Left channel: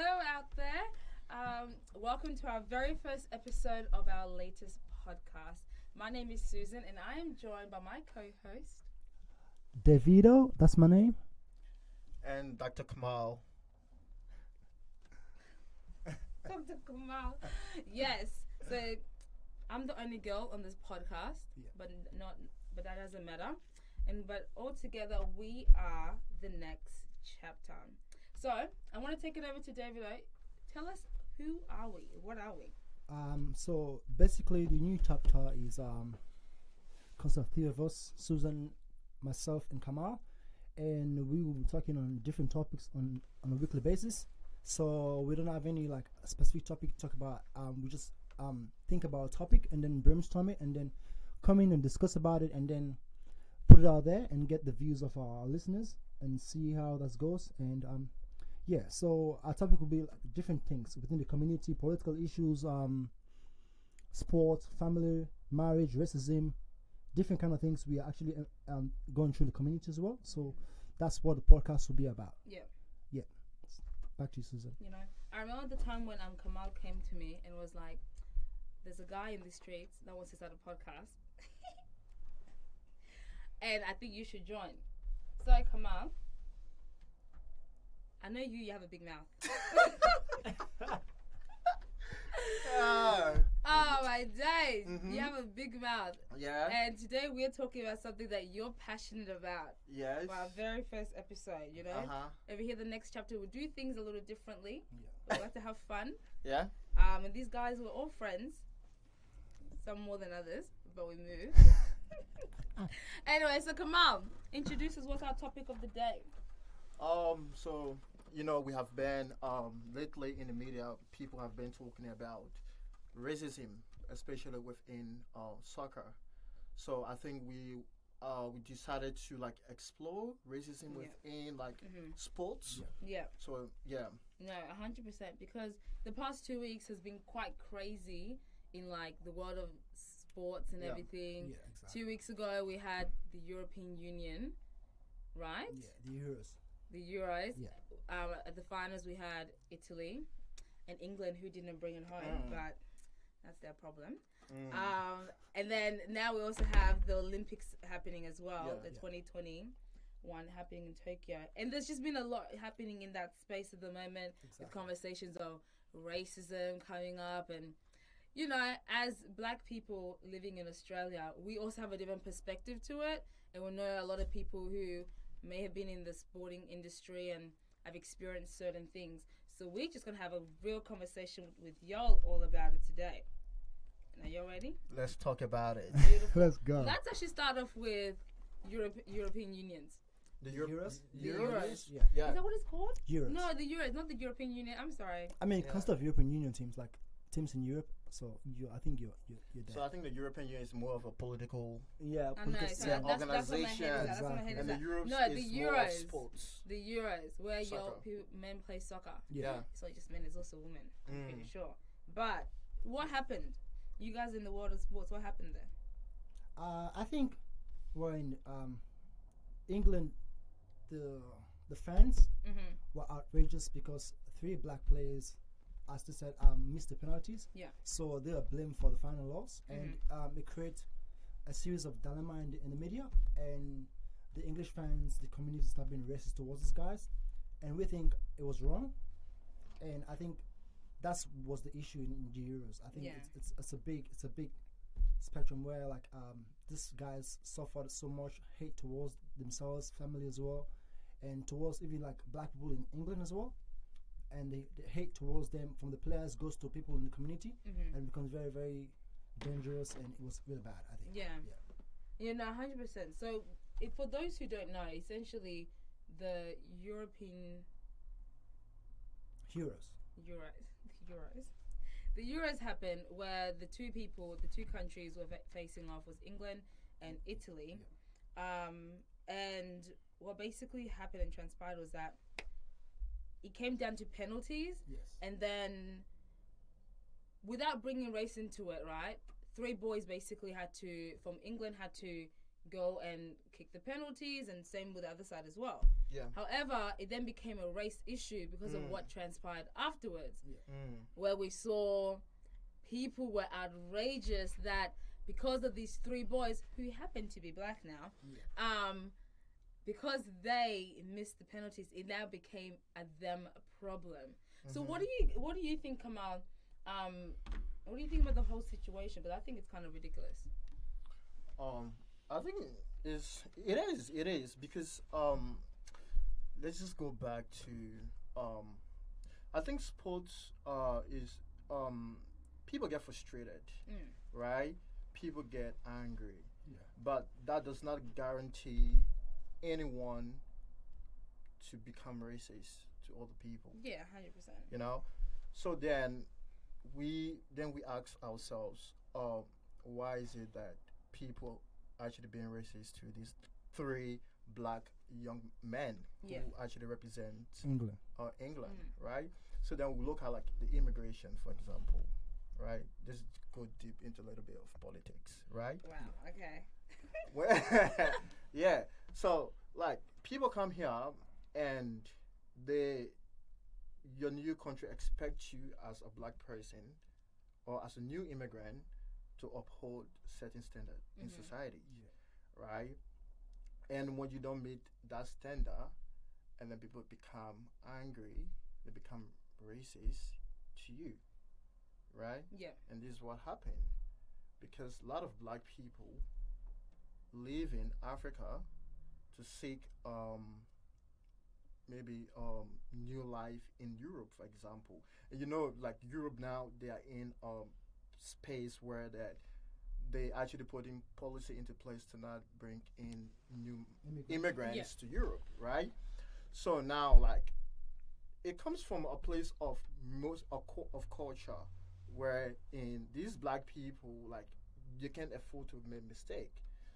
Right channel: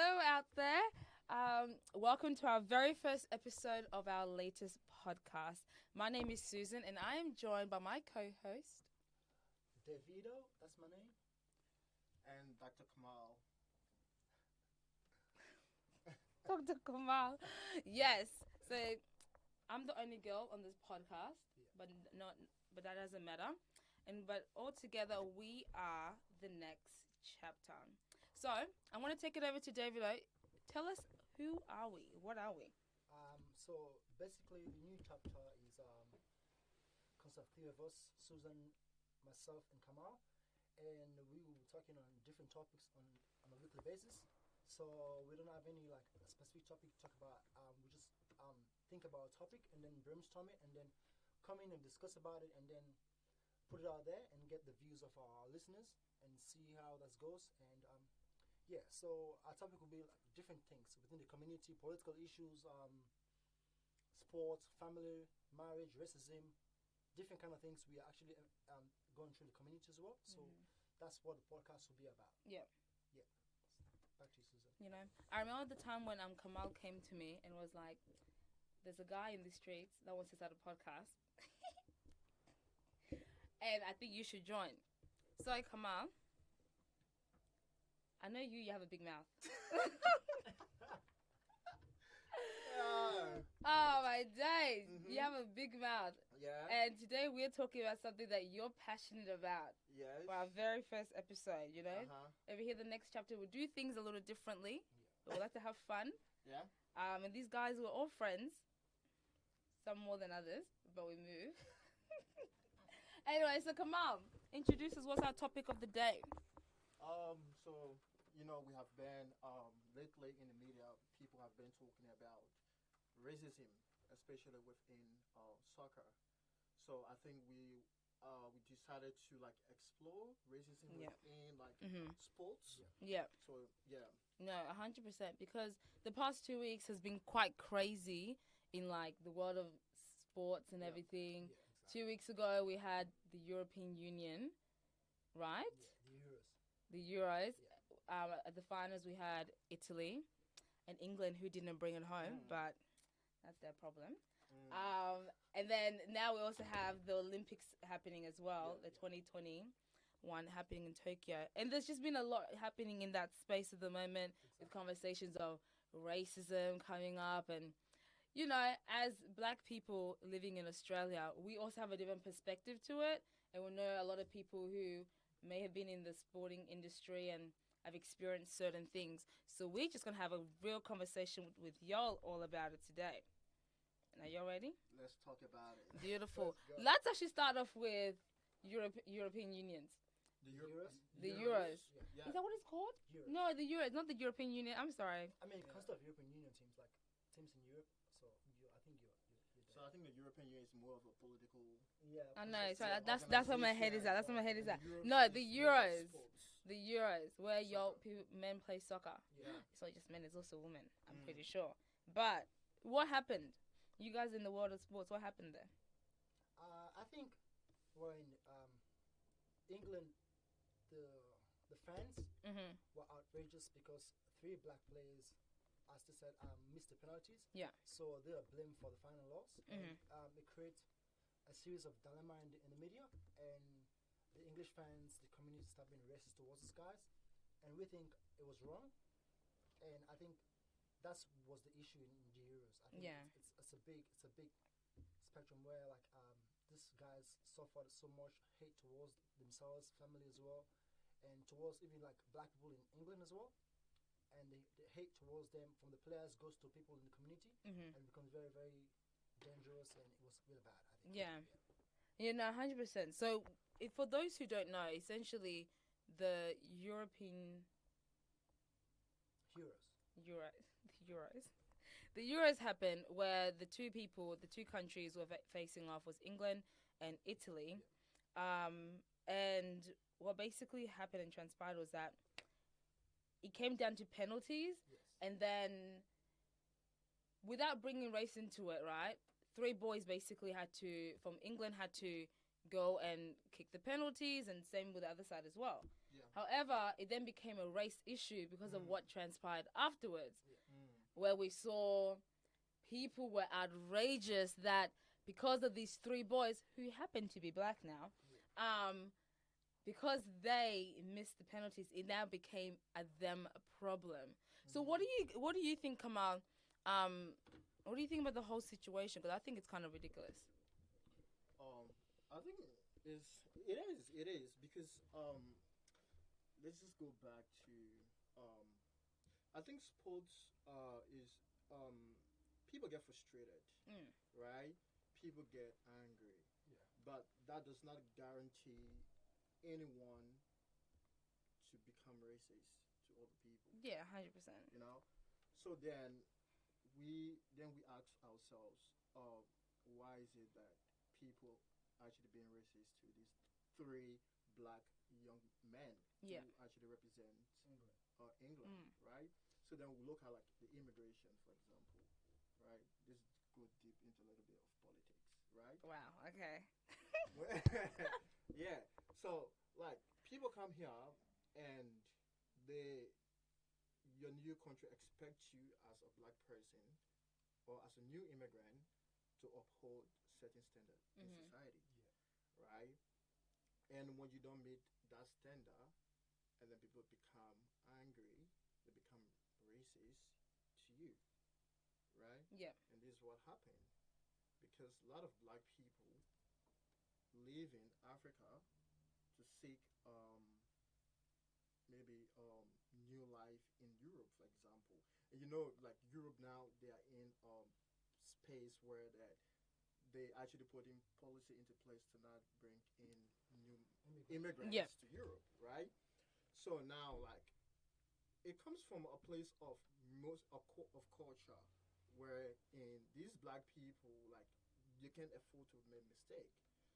Hello out there. Welcome to our very first episode of our latest podcast. My name is Susan and I am joined by my co-host. Davido, that's my name. And Dr. Kamal. Dr. Kamal. Yes. So I'm the only girl on this podcast, but that doesn't matter. But all together we are the next chapter. So I want to take it over to David. Tell us, who are we? What are we? So basically, the new chapter is consists of three of us: Susan, myself, and Kamal, and we will be talking on different topics on a weekly basis. So we don't have any like specific topic to talk about. We just think about a topic and then brainstorm it, and then come in and discuss about it, and then put it out there and get the views of our listeners and see how that goes. And yeah, so our topic will be like different things within the community, political issues, sports, family, marriage, racism, different kind of things. We are actually going through the community as well. So that's what the podcast will be about. Yeah. Yeah. Back to you, Susan. You know, I remember the time when Kamal came to me and was like, "There's a guy in the streets that wants to start a podcast, and I think you should join." So Kamal, I know you have a big mouth. Oh my days. Mm-hmm. You have a big mouth. Yeah. And today we're talking about something that you're passionate about. Yes. For our very first episode, you know? Over here, the next chapter, we'll do things a little differently. Yeah. We like to have fun. Yeah. And these guys were all friends. Some more than others, but we move. Anyway, so Kamal, introduce us. What's our topic of the day? So we have been lately in the media. People have been talking about racism, especially within soccer. So I think we decided to like explore racism within like sports. Yeah. So yeah. No, 100%. Because the past 2 weeks has been quite crazy in like the world of sports and everything. Yeah, exactly. 2 weeks ago we had the European Union, right? Yeah, the Euros. The Euros. Yeah. At the finals we had Italy and England, who didn't bring it home, but that's their problem. And then now we also have the Olympics happening as well, the 2021 happening in Tokyo. And there's just been a lot happening in that space at the moment, with conversations of racism coming up. And, you know, as black people living in Australia, we also have a different perspective to it. And we know a lot of people who may have been in the sporting industry and have experienced certain things. So we're just going to have a real conversation with y'all all about it today. Are you ready? Let's talk about it. Beautiful. Let's go. Let's actually start off with European Unions. The Euros? The Euros. Yeah. Is that what it's called? Euros. No, the Euros, not the European Union. I'm sorry. I mean, consists of European Union teams, like teams in Europe. So I think you're there. So I think the European Union is more of a political. Yeah. I know. So that's what my head is at. That's what my head is And the at. Euros No, the is more of Euros. sports. The Euros, where your Soccer. men play soccer. Yeah. It's not just men, it's also women. I'm pretty sure. But what happened? You guys in the world of sports, what happened there? I think we're in England. The fans were outrageous because 3 black players, as they said, missed the penalties. Yeah. So they are blamed for the final loss, and it creates a series of dilemma in the media, and the English fans, the community, start being racist towards these guys, and we think it was wrong, and I think that was the issue in the Euros. I think it's a big spectrum where like these guys suffered so much hate towards themselves, family as well, and towards even like black people in England as well. And the hate towards them from the players goes to people in the community and becomes very, very dangerous, and it was really bad, I think. Yeah, no, 100%. So for those who don't know, essentially the Euros happened where the two countries were facing off was England and Italy. And what basically happened and transpired was that it came down to penalties. Yes. And then, without bringing race into it, right, 3 boys basically from England had to go and kick the penalties, and same with the other side as well. Yeah. However, it then became a race issue because of what transpired afterwards, Mm. where we saw people were outrageous that because of these three boys who happen to be black now, because they missed the penalties, it now became a them problem. So what do you think, Kamal? What do you think about the whole situation? Because I think it's kind of ridiculous. I think it is because let's just go back to I think sports is people get frustrated, right? People get angry, but that does not guarantee anyone to become racist to other people. Yeah, 100%. You know, so then we ask ourselves, why is it that people actually being racist to these three black young men who actually represent England, right? So then we look at like the immigration, for example, right? Just go deep into a little bit of politics, right? Wow. Okay. Yeah. So like people come here and your new country expects you as a black person or as a new immigrant to uphold certain standard in society, right? And when you don't meet that standard, and then people become angry, they become racist to you, right? Yeah. And this is what happened because a lot of black people live in Africa to seek maybe new life in Europe, for example. And you know, like Europe now, they are in space where that they actually putting policy into place to not bring in new immigrants to Europe, right? So now, like, it comes from a place of of culture, where in these black people, like, you can't afford to make mistake.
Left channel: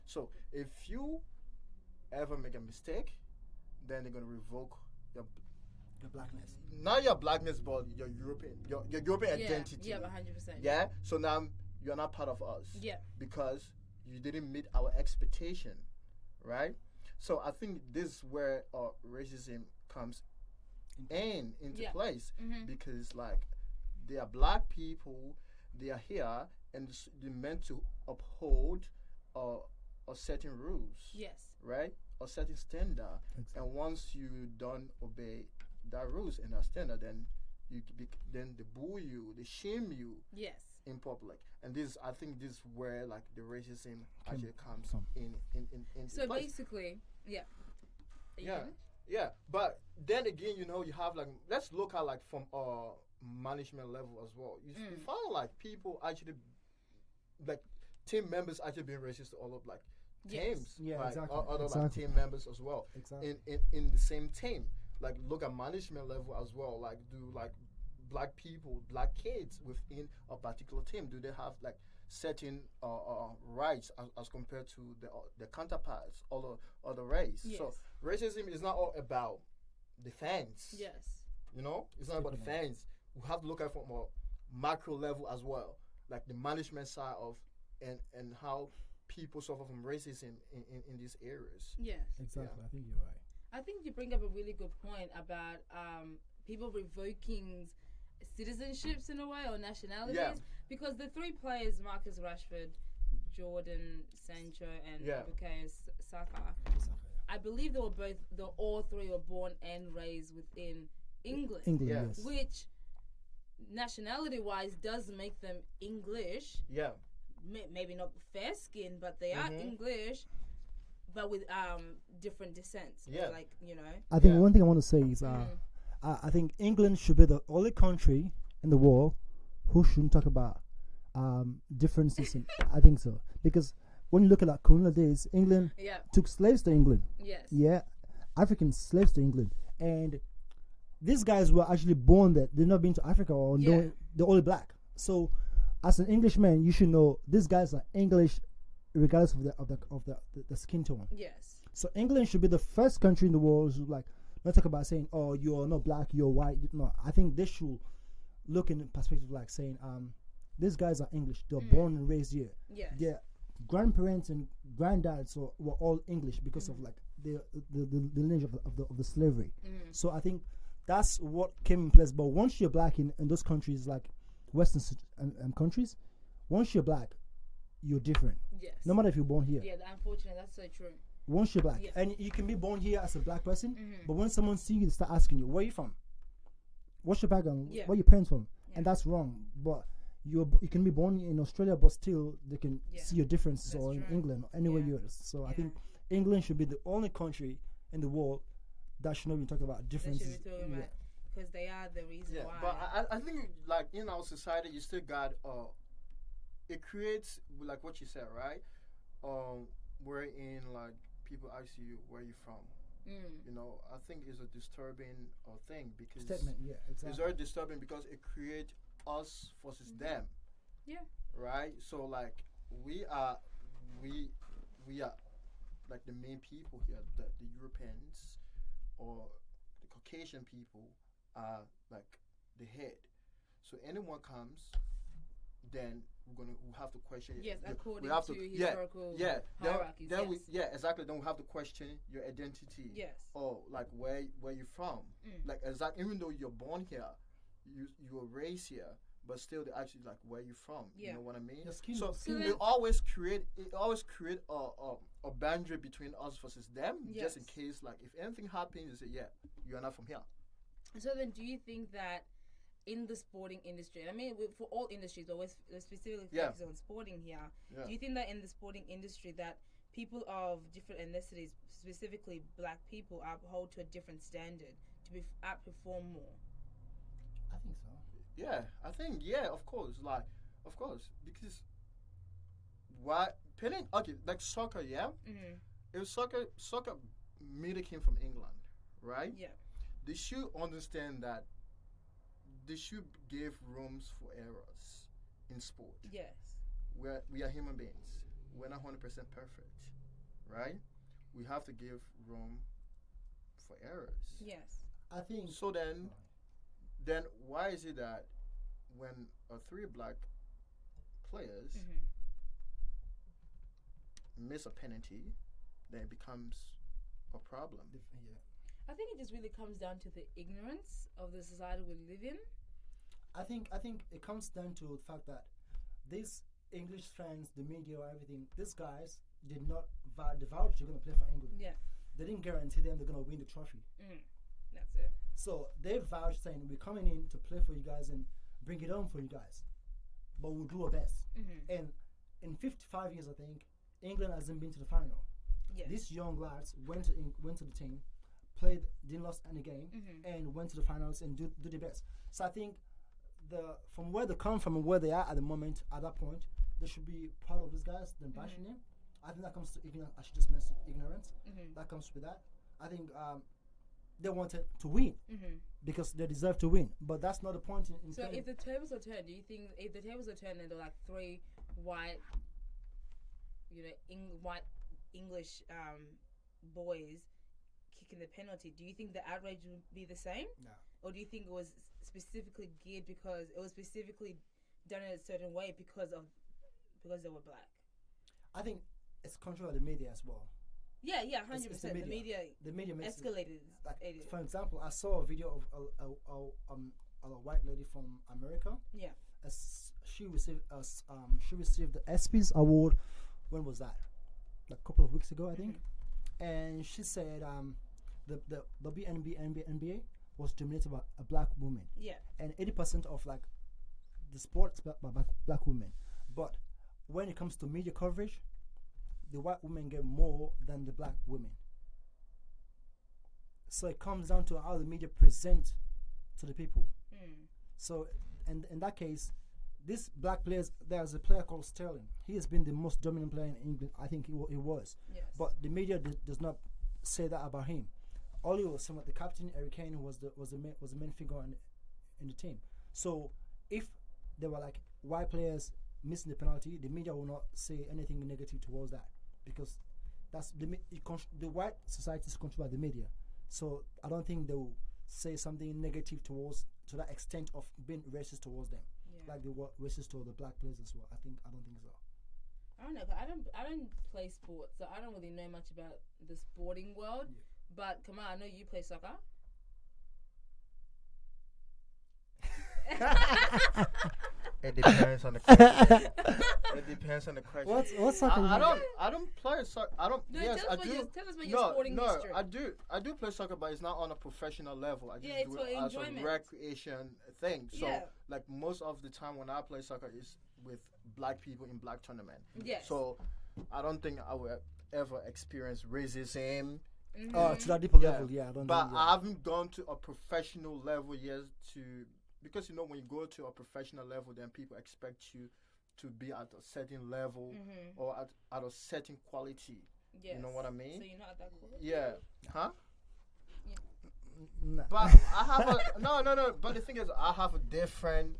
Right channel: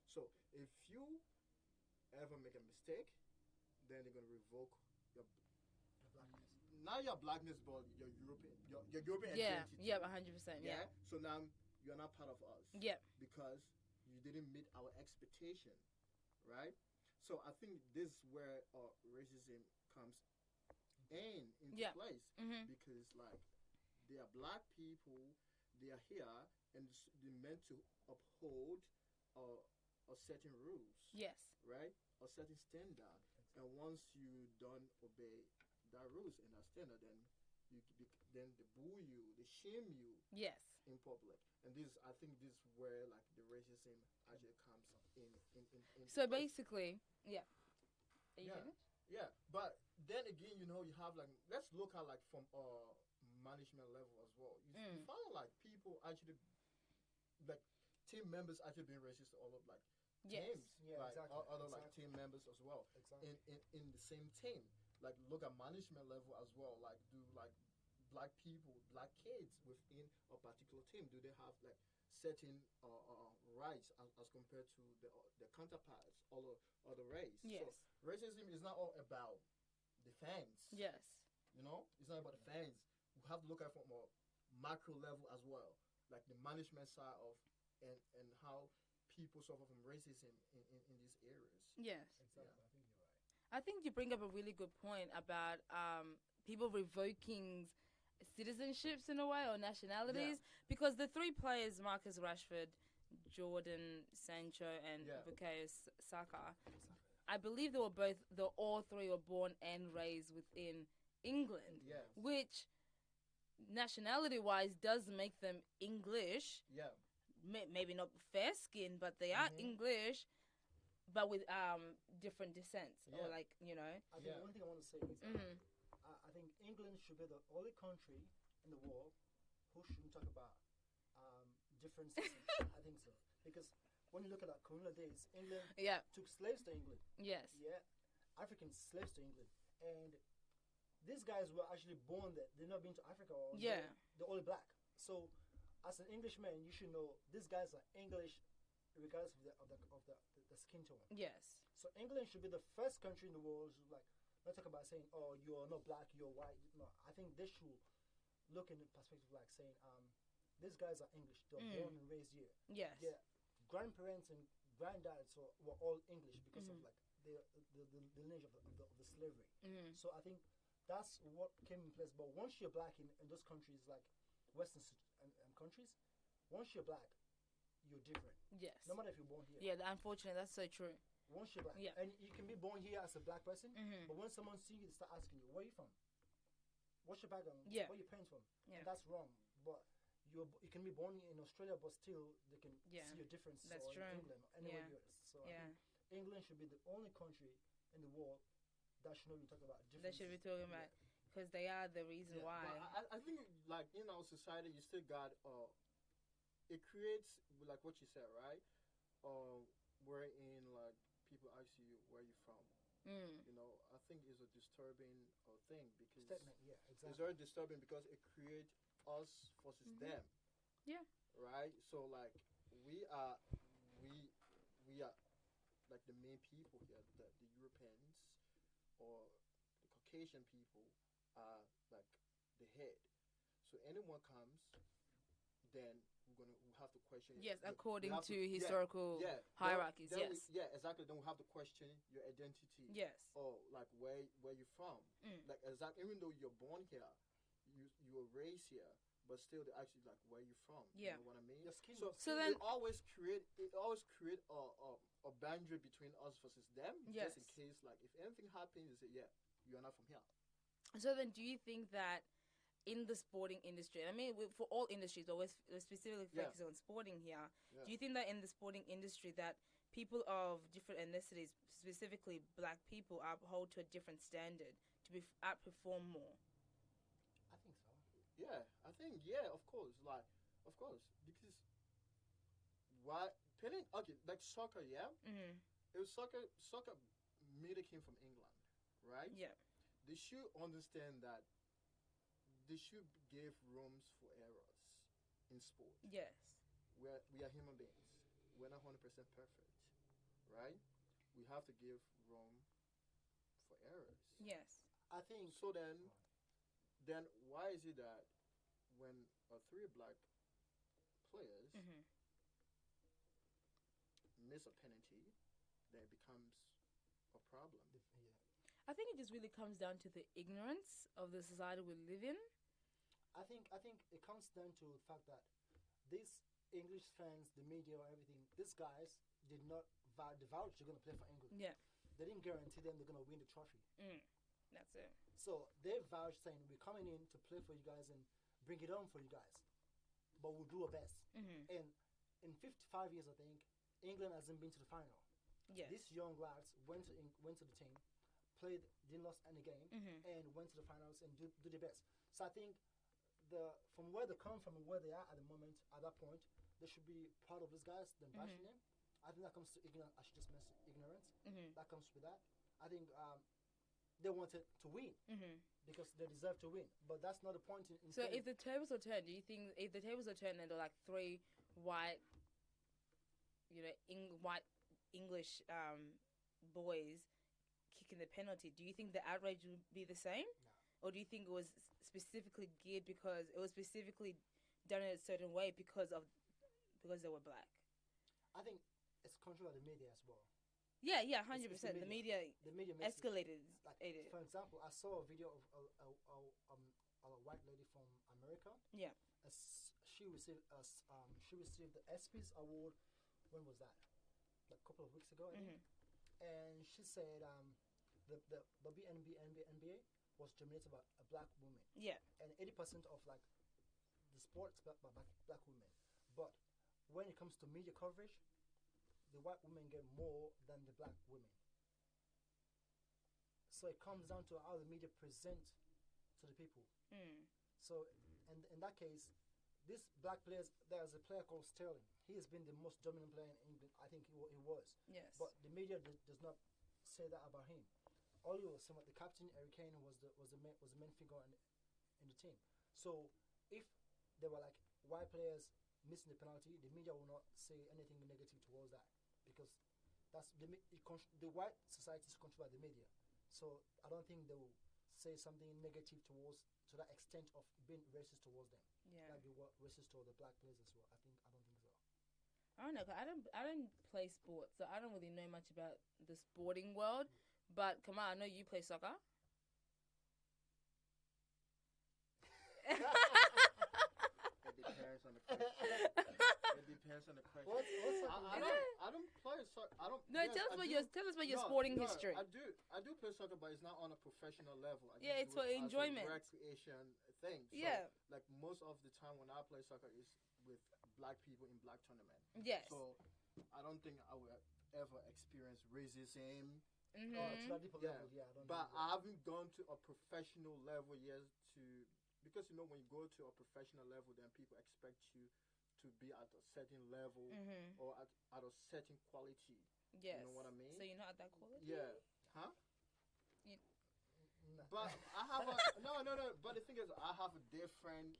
So if you ever make a mistake, then they're gonna revoke your blackness. not your blackness, but your European identity. Yeah, 100%. Yeah. So now you're not part of us. Yeah. Because you didn't meet our expectation, right? So I think this is where racism comes into place because like they are black people, they are here and they're meant to uphold a certain rules. Yes. Right? A certain standard. Exactly. And once you don't obey that rules and that standard, then then they boo you, they shame you. Yes. In public, and I think this is where like the racism actually comes in so place. Basically, yeah. Yeah. But then again, you know, you have like let's look at like from management level as well. You find like people actually like team members actually being racist to all of like teams, like other like team members as well. Exactly. In the same team, like look at management level as well. Like do like black people, black kids within a particular team, do they have like certain rights as compared to the counterparts, other race? Yes. So racism is not all about the fans. Yes. You know, it's not about the fans. We have to look at it from a macro level as well, like the management side of and how people suffer from racism in these areas. Yes. Exactly. I think you're right. I think you bring up a really good point about people revoking citizenships in a way or nationalities because the three players, Marcus Rashford, Jordan Sancho, and Bukayo Saka, I believe all three were born and raised within England. Yes. Which nationality-wise does make them English. Yeah. Maybe not fair skin, but they are English, but with different descents. Yeah. Like, you know. I think one thing I want to say is I think England should be the only country in the world who shouldn't talk about differences. I think so. Because when you look at like colonial days, England took slaves to England. Yes. Yeah. African slaves to England. And these guys were actually born there. They've not been to Africa or they're only black. So as an Englishman, you should know these guys are English regardless of the skin tone. Yes. So England should be the first country in the world who like not talk about saying, oh, you're not black, you're white. No, I think they should look in perspective like saying, these guys are English. They're born and raised here. Yes. grandparents and granddads were all English because of like the lineage of the slavery. So I think that's what came in place. But once you're black in those countries like Western countries, once you're black, you're different. Yes. No matter if you're born here. Yeah, unfortunately, that's so true. Once you're black, and you can be born here as a black person, but when someone sees you, they start asking you, where are you from? What's your background? Where are your parents from? And that's wrong. But you can be born in Australia, but still they can see your differences, that's or in true. England, or anywhere you are. So I think England should be the only country in the world that should not be talking about differences. They should be talking about, because they are the reason why. But I think like in our society, you still got it creates like what you said, right? Wherein like people ask you where you from. You know, I think it's a disturbing thing because Statement, exactly. It's very disturbing because it creates us versus them. Yeah. Right. So like we are like the main people here. The Europeans or the Caucasian people are like the head. So anyone comes, then we'll have to question. Yes, according to historical hierarchies. Then exactly. Then we have to question your identity. Yes. Or like where you from. Like even though you're born here, you were raised here, but still they actually like where you from. You know what I mean? So it always create a boundary between us versus them, just in case like if anything happens, you say you're not from here. So then, do you think that in the sporting industry, I mean, for all industries, but we're specifically focused on sporting here. Do you think that in the sporting industry that people of different ethnicities, specifically black people, are held to a different standard to outperform more? I think so. Yeah, I think of course, because like soccer, if soccer mainly came from England, right? Yeah. They should understand that they should give rooms for errors in sport. Yes. We are human beings. We're not 100% perfect, right? We have to give room for errors. Yes. I think. So then why is it that when three black players miss a penalty, then it becomes a problem? I think it just really comes down to the ignorance of the society we live in. I think it comes down to the fact that these English fans, the media, everything, these guys did not the vouch you're going to play for England. Yeah. They didn't guarantee them they're going to win the trophy. That's it. So they vouched saying, we're coming in to play for you guys and bring it home for you guys. But we'll do our best. And in 55 years, I think, England hasn't been to the final. Yes. These young lads went to the team, didn't lose any game, and went to the finals and do the best. So I think from where they come from and where they are at the moment, at that point, they should be proud of these guys than bashing them. I think that comes to ignorance. I should just mention ignorance. That comes with that. I think they wanted to win because they deserve to win, but that's not the point. So if the tables are turned, do you think if the tables are turned and they're like three white, white English boys kicking the penalty, do you think the outrage would be the same? No. Or do you think it was specifically geared because it was specifically done in a certain way because they were black? I think it's control of the media as well. Yeah, 100%. The media escalated. For example, I saw a video of a white lady from America. Yeah. She received the ESPYs award. When was that? Like a couple of weeks ago, I think. And she said the NBA was dominated by a black woman. Yeah. And 80% of like the sports by black women. But when it comes to media coverage, the white women get more than the black women. So it comes down to how the media present to the people. So, and in that case, this black players, there's a player called Sterling. He has been the most dominant player in England. I think he was. Yes. But the media does not say that about him. All he was saying about the captain, Harry Kane, was the main figure in the team. So if there were like white players missing the penalty, the media will not say anything negative towards that, because that's the white society is controlled by the media. So I don't think they will say something negative to that extent of being racist towards them, like they were racist to the black players as well. I don't think so. I don't know. 'Cause I don't play sports, so I don't really know much about the sporting world. Yeah. But Kamal, I know you play soccer. It depends on the question. It depends on the question. What's soccer? I don't play soccer. I don't. No, Yes, I do. tell us about your sporting history. I do play soccer, but it's not on a professional level. I just Yeah, it's do for it as enjoyment. a recreation thing. So, Yeah. like most of the time when I play soccer is with black people in black tournament. Yes. So, I don't think I will ever experience racism. To that deeper Yeah. level, yeah. I don't But know. I haven't gone to a professional level yet because when you go to a professional level, then people expect you to be at a certain level or at a certain quality. Yes. You know what I mean? So you're not at that quality? Yeah. Huh? Nah. But I have a no. But the thing is, I have a different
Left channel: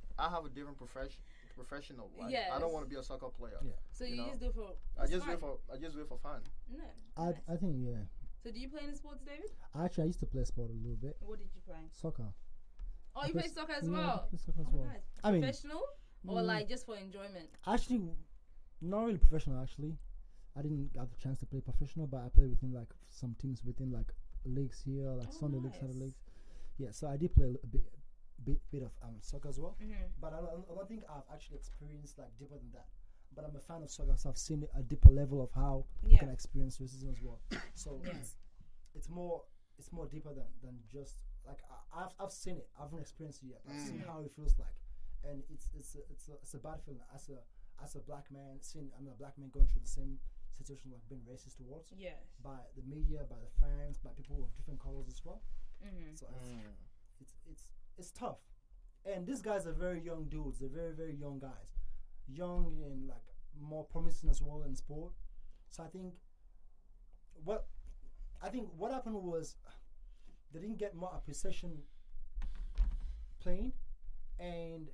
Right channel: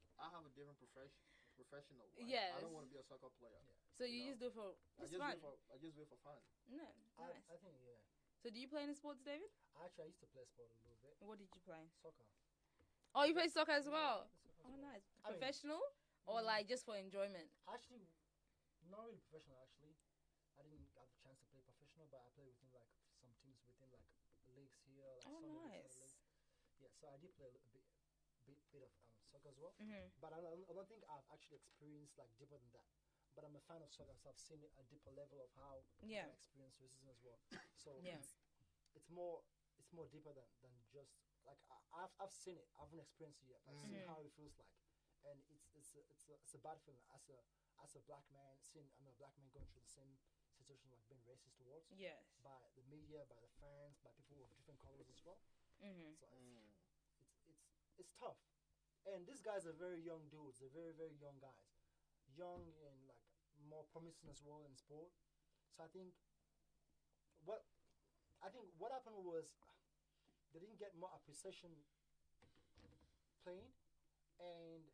professional. Like, Yes. I don't want to be a soccer player. Yeah. So You you know? just do it for I it's just do fun. it for fun. No. I think, yeah. So do you play any sports, David? Actually, I used to play sport a little bit. What did you play? Soccer. Oh, you play soccer as Yeah, well? I play soccer as Oh, well. nice. I mean, Professional or like just for enjoyment? actually, not really professional. Actually, I didn't have the chance to play professional, but I played within like some teams within like leagues here, like Oh, Sunday leagues, nice. Saturday leagues. Yeah, so I did play a bit of soccer as well. Mm-hmm. But I don't think I've actually experienced like deeper than that. But I'm a fan of soccer, so I've seen a deeper level of how you Yeah. can experience racism as well. So Yes. it's more deeper than just like I've seen it. I haven't experienced it yet. I've seen how it feels like, and it's a bad feeling as a black man seeing a black man going through the same situation, like being racist towards Yes. by the media, by the fans, by people of different colors as well. Mm-hmm. So it's tough. And these guys are very young dudes. They're very, very young guys. Young and like more promising as well in sport. So I think what happened was they didn't get more appreciation playing, and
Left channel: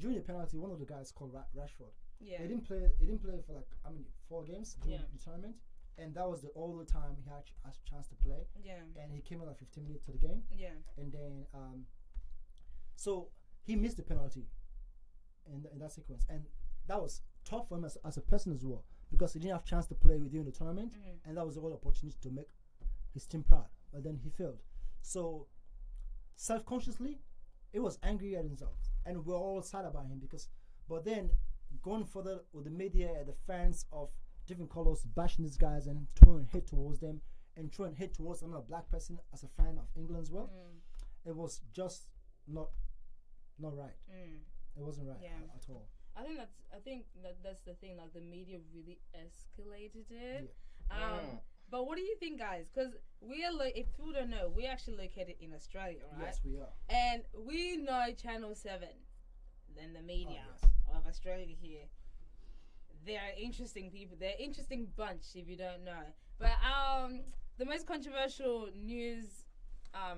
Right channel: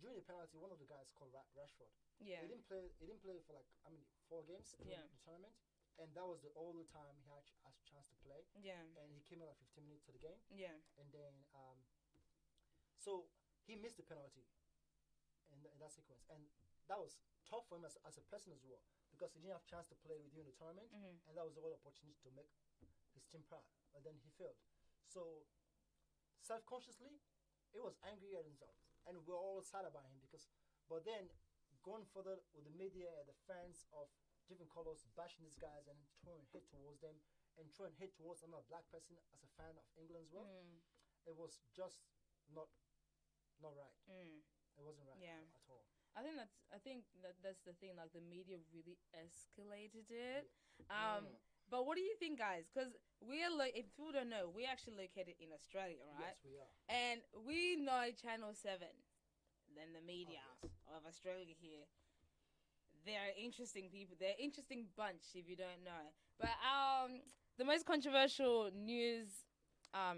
during the penalty, one of the guys called Rashford. Yeah. He didn't play for like 4 games during the tournament, and that was the only time he had a chance to play. Yeah. And he came in like 15 minutes to the game. Yeah. And then so he missed the penalty in that sequence, and that was tough for him as a person as well, because he didn't have a chance to play within the tournament, and that was the whole opportunity to make his team proud, but then he failed. So self-consciously it was angry at himself, and we're all sad about him but then going further with the media and the fans of different colors bashing these guys and throwing hate towards them and throwing hate towards another black person as a fan of England as well, it was just not right. It wasn't right at all. I think that's the thing. Like the media really escalated it. Yeah. But what do you think, guys? Because we are if people don't know, we're actually located in Australia, right? Yes, we are. And we know Channel 7, then the media of Australia here. They're interesting people. They're an interesting bunch if you don't know. But the most controversial news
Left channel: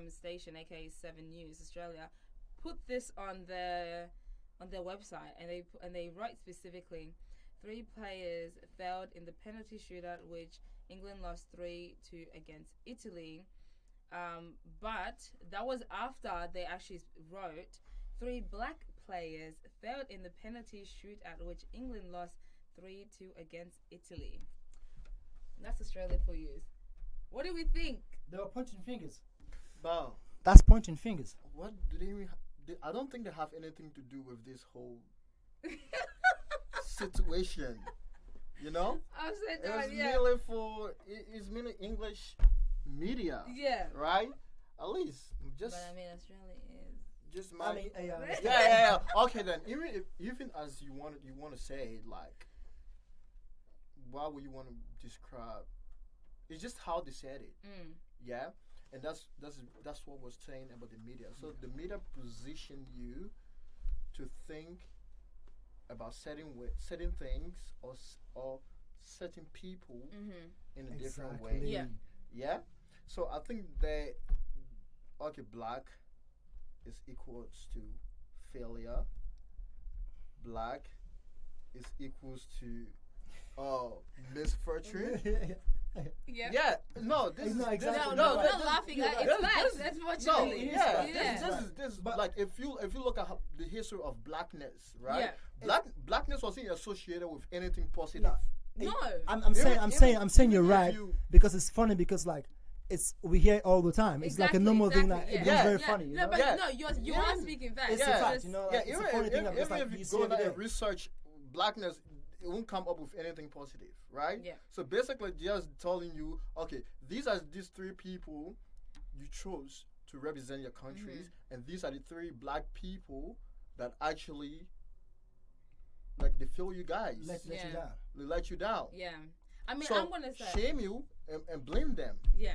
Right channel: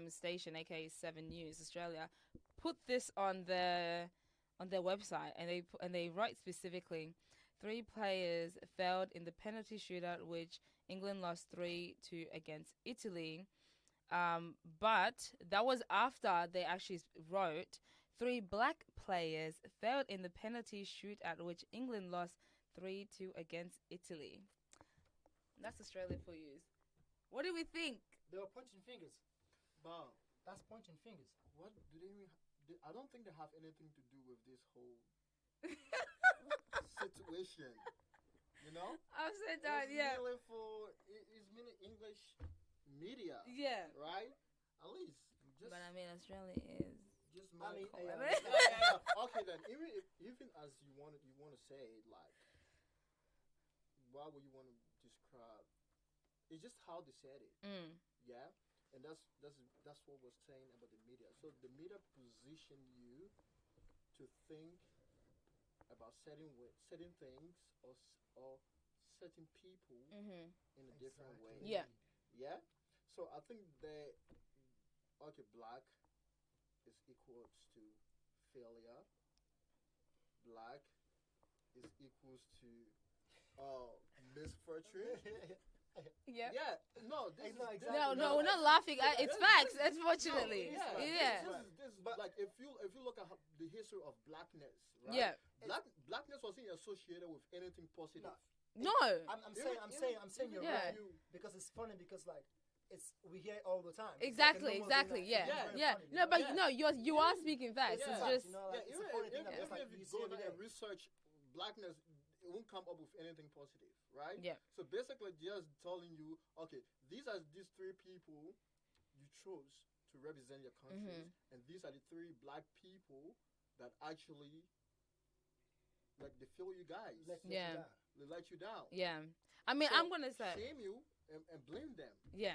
station, aka 7 News Australia, put this on their website, and they write specifically, 3 players failed in the penalty shootout, which England lost 3-2 against Italy. But that was after they actually wrote 3 black players failed in the penalty shootout, which England lost 3-2 against Italy. That's Australia for you. What do we think? They were pointing fingers. But That's pointing fingers. what do they even? I don't think they have anything to do with this whole situation. You know, Upside it's down, it's mainly English media, Yeah. right? At least just But I mean, Australia is. just I my mean, yeah. Okay, then even as you want to say it, like, why would you want to describe? It's just how they said it, yeah. And that's what we're saying about the media. So the media position you to think about certain things or certain people in a different way. Yeah. Yeah. So I think black is equals to failure. Black is equals to misfortune. Yeah. Yeah, no, this It's not is exactly No, No, we're not laughing. It's facts, unfortunately. This is But- like if you look at the history of blackness, right? Yeah. Blackness wasn't associated with anything positive. No. No. I'm saying you're right because it's funny because like we hear it all the time. It's like a normal thing that it's very funny. No, but no, you are speaking facts. It's a fact, you know. Like, it's a funny thing. Even if you go there and research blackness, it won't come up with anything positive, right? Yeah. So basically, just telling you, okay, these are these three people you chose to represent your countries, and these are the three black people that actually, like, they fail you guys. Let you down. They let you down. Yeah. I mean, So I'm gonna say shame you and blame them. Yeah.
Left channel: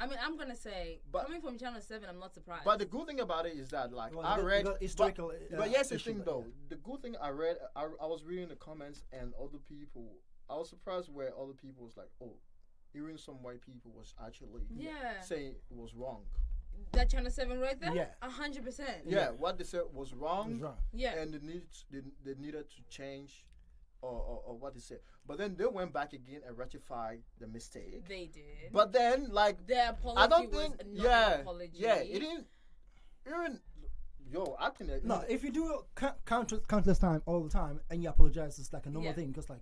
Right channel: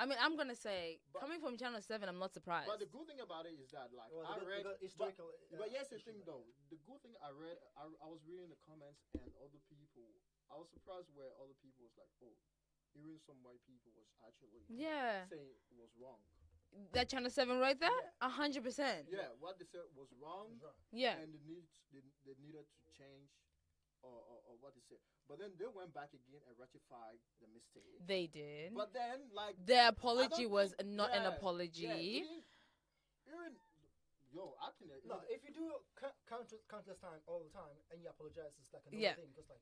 I mean, I'm gonna say, coming from Channel 7, I'm not surprised. But the good thing about it is that, like, I read historical. But here's the thing, though. The good thing I read, I was reading the comments, and other people, I was surprised where other people was like, oh, even some white people was actually saying it was wrong. That Channel 7 right there? Yeah. 100%. Yeah, what they said was wrong. Yeah. And they needed to change or what they said. But then they went back again and rectified the mistake. They did. But then, like, their apology was not an apology. Yeah, it didn't. Even I can. No, if you do it countless time all the time and you apologize, it's like a normal thing. Because like,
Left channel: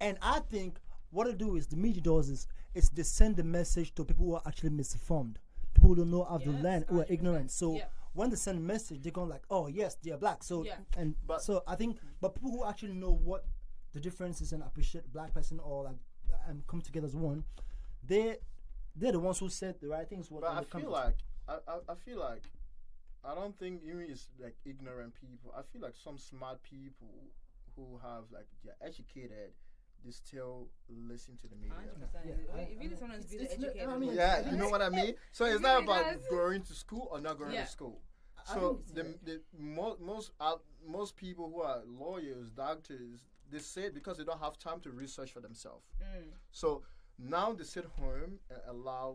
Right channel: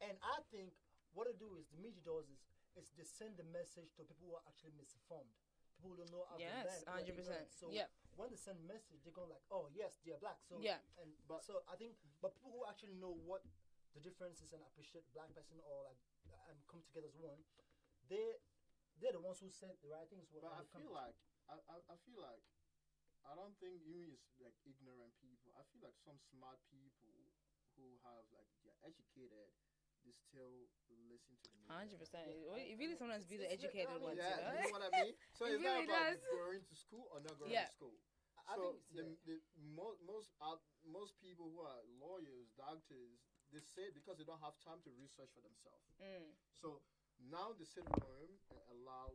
and I think what they do is the media does is they send the message to people who are actually misinformed, people who don't know how to land, who are ignorant. So when they send a message, they're going like, oh yes, they're black. So so I think, but people who actually know what the differences and appreciate black person or like and come together as one, they're the ones who said the right things. But I feel like I don't think even it's like ignorant people. I feel like some smart people who have like they're educated, they still listen to the media. 100%. If really someone's really educated. You know what I mean? So it's not about going to school or not going to school. So most people who are lawyers, doctors, they say because they don't have time to research for themselves. So now they sit home and allow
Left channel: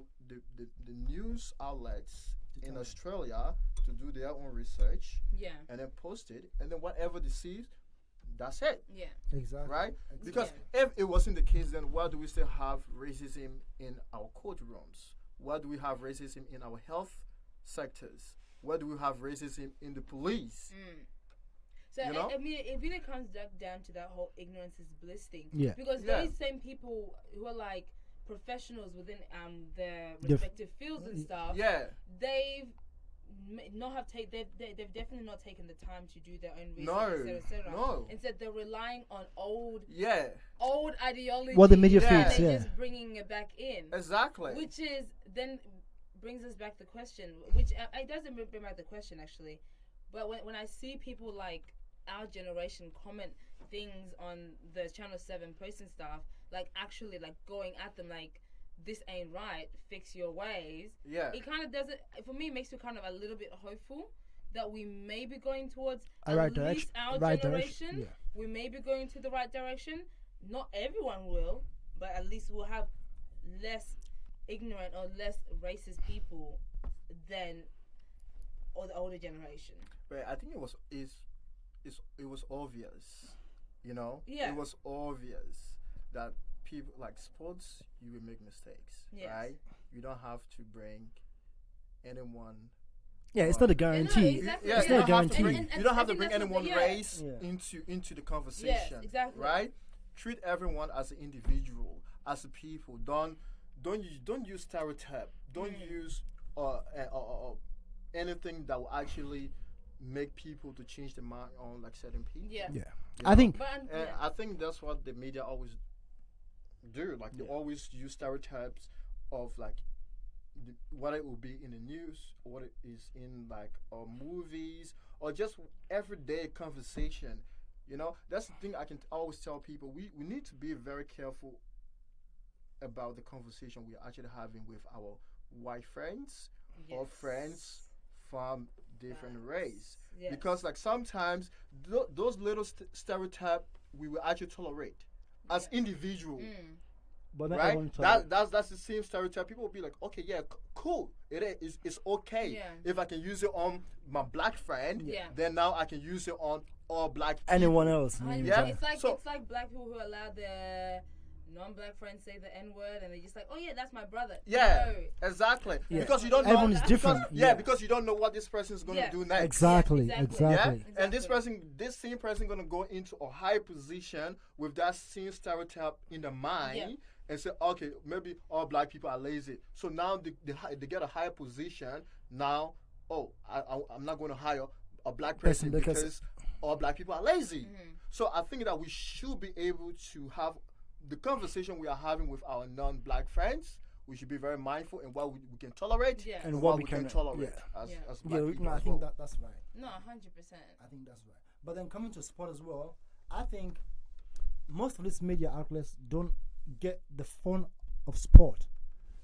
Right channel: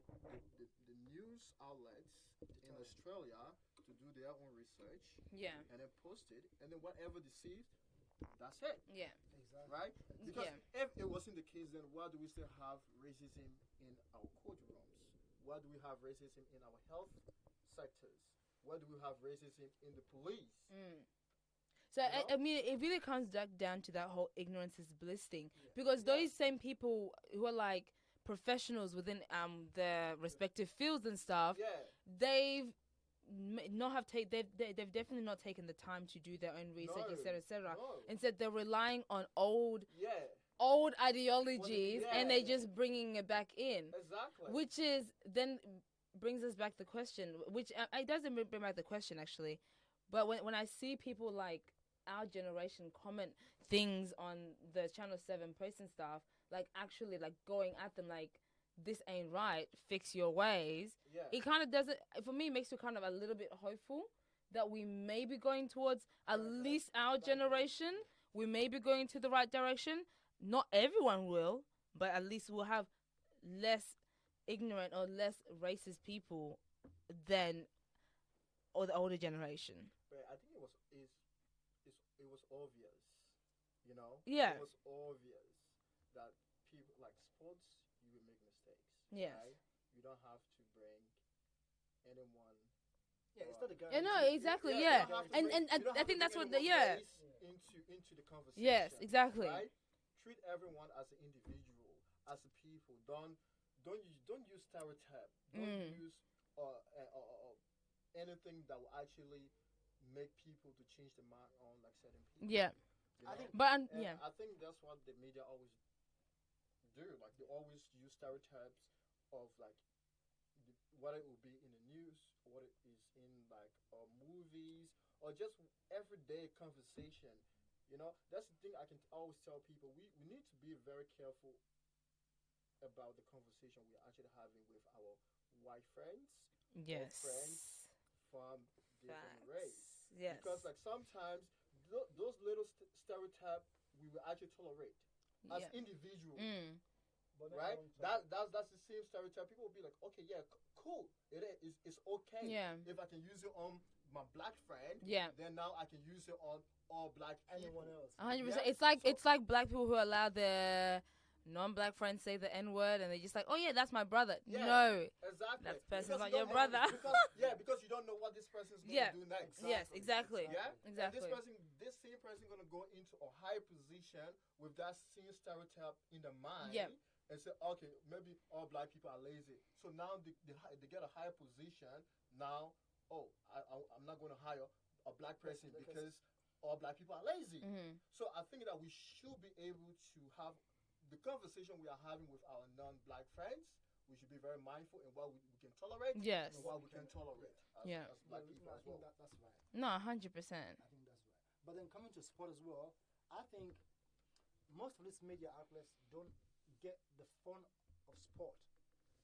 the news outlets in Australia to do their own research. And then post it, and then whatever they see, that's it. Exactly. Right? Because if it wasn't the case, then why do we still have racism in our courtrooms? Why do we have racism in our health sectors? Why do we have racism in the police? So I mean, it really comes down to that whole ignorance is bliss thing. Because Yeah. those same people who are like professionals within their respective fields and stuff, they've they've definitely not taken the time to do their own research, etc. No. Instead, they're relying on old ideology. What the media and feeds, they're just bringing it back in. Exactly. Which is then brings us back the question, which it doesn't bring back the question actually, but when I see people like our generation comment things on the Channel 7 posts and stuff, like actually like going at them like this ain't right, fix your ways. It kind of doesn't, for me, makes me kind of a little bit hopeful that we may be going towards at least our generation. We may be going to the right direction. Not everyone will, but at least we'll have less ignorant or less racist people than or the older generation. But I think it was obvious, you know. It was obvious that people like sports, you will make mistakes, right? You don't have to bring anyone. It's not a guarantee. It's not a guarantee. You don't have to bring anyone race into the conversation. Yes, exactly. Right? Treat everyone as an individual, as a people. Don't use stereotype. Don't use anything that will actually make people to change their mind on like certain people. I think. I think that's what the media always do. Like they always use stereotypes of like what it will be in the news, or what it is in like movies, or just everyday conversation. You know, that's the thing I can always tell people. We need to be very careful about the conversation we're actually having with our white friends or friends from different race. Because like sometimes those little stereotypes we will actually tolerate as individuals. But right? That's the same stereotype. People will be like, okay, cool. It's okay. If I can use it on my black friend, then now I can use it on all black people. Anyone else. It's like black people who allow their non-black friends say the N-word and they're just like, oh yeah, that's my brother. Yeah, No. exactly. Yeah. Because you don't know. Everyone is different. Because you don't know what this person is going to do next. Exactly. Yeah, Exactly. Yeah, and this same person, going to go into a high position with that same stereotype in the mind, and say, okay, maybe all black people are lazy. So now they get a higher position. Now, I'm not going to hire a black person because all black people are lazy. So I think that we should be able to have the conversation we are having with our non-black friends. We should be very mindful in what we can tolerate and what we can tolerate as black people. I think that's right. No, 100%. I think that's right. But then coming to sport as well, I think most of these media outlets don't get the fun of sport.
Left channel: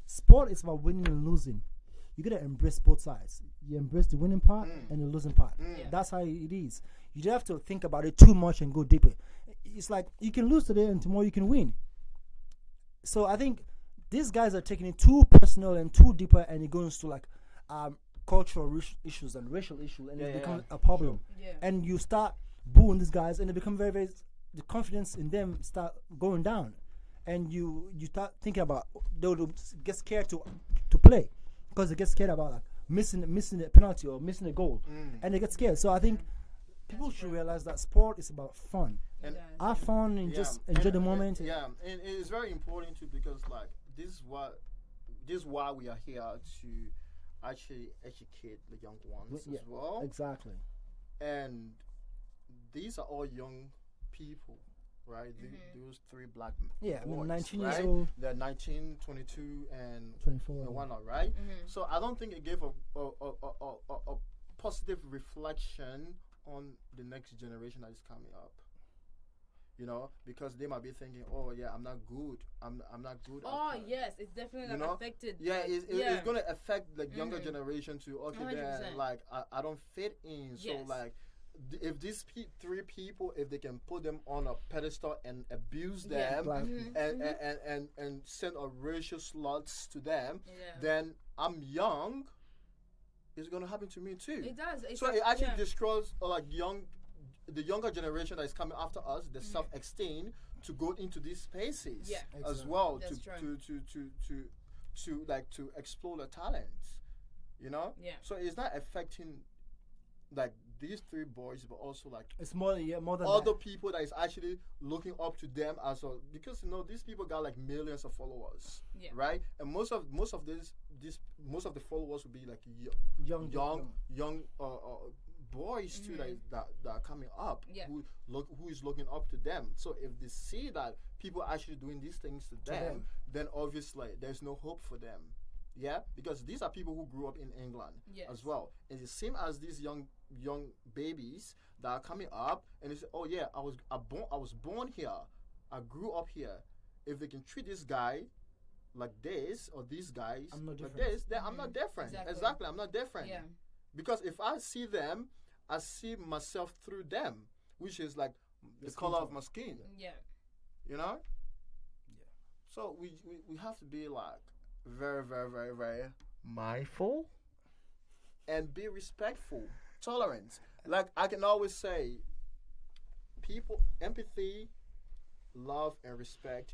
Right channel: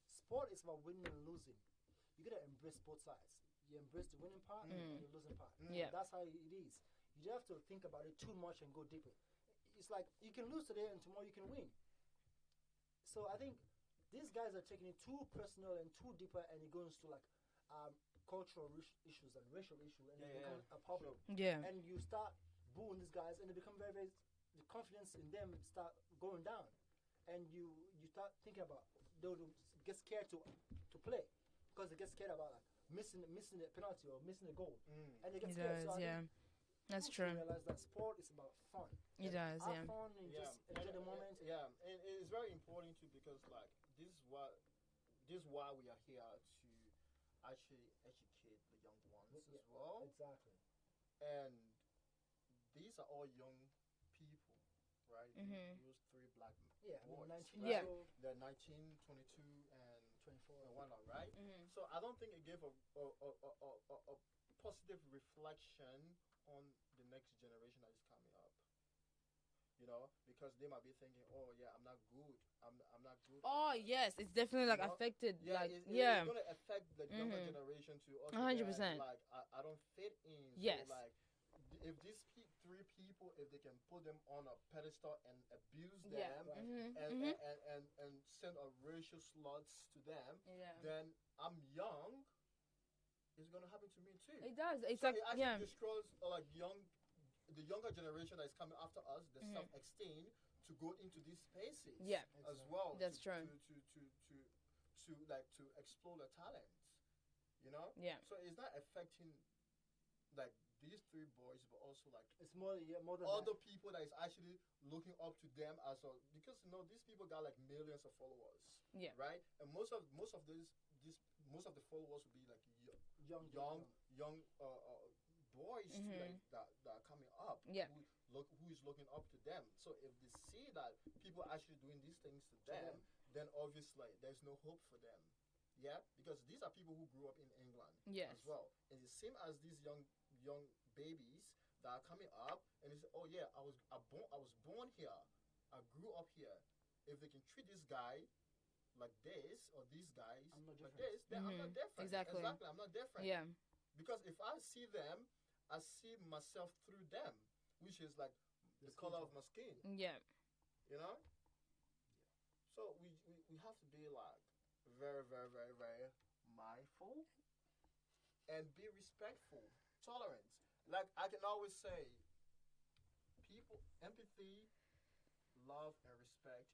Sport is about winning and losing. You gotta embrace both sides. You embrace the winning part and the losing part. That's how it is. You don't have to think about it too much and go deeper. It's like you can lose today and tomorrow you can win. So I think these guys are taking it too personal and too deeper, and it goes to like cultural issues and racial issues, and it becomes a problem. And you start booing these guys, and they become very, very. The confidence in them start going down, and you start thinking about they'll get scared to play because they get scared about like missing the penalty or missing the goal, and they get scared. So I think people should realize that sport is about fun. Have fun and just enjoy the moment. And it's very important too, because like this is why we are here to actually educate the young ones as well. Exactly. And these are all young people, right? Those three black boys, I mean, 19 right? years old. They're 19, 22, and 24 and whatnot, right? So I don't think it gave a positive reflection on the next generation that is coming up. You know, because they might be thinking, oh yeah, I'm not good. I'm not good. Yes, it's definitely like affected. Yeah, it's gonna affect the younger generation too. Okay, 100%. then, like I don't fit in. So like, if these three people, if they can put them on a pedestal and abuse them and send a racial sluts to them, then I'm young. It's gonna happen to me too. It does. So it actually destroys the younger generation that is coming after us, the self-esteem to go into these spaces as well. That's to explore the talents, you know. So it's not affecting like these three boys, but also like it's more than other people that is actually looking up to them as well, because these people got like millions of followers, right? And most of the followers will be like young boys too that are coming up who is looking up to them. So if they see that people are actually doing these things to them, then obviously there's no hope for them. Because these are people who grew up in England as well. And the same as these young babies that are coming up and they say, oh yeah, I was born here, I grew up here. If they can treat this guy like this or these guys like this, then I'm not different. Exactly, I'm not different. Because if I see them, I see myself through them, which is like the color of my skin. You know? So we have to be like very, very, very, very mindful and be respectful, tolerant. Like I can always say, people, empathy, love, and respect,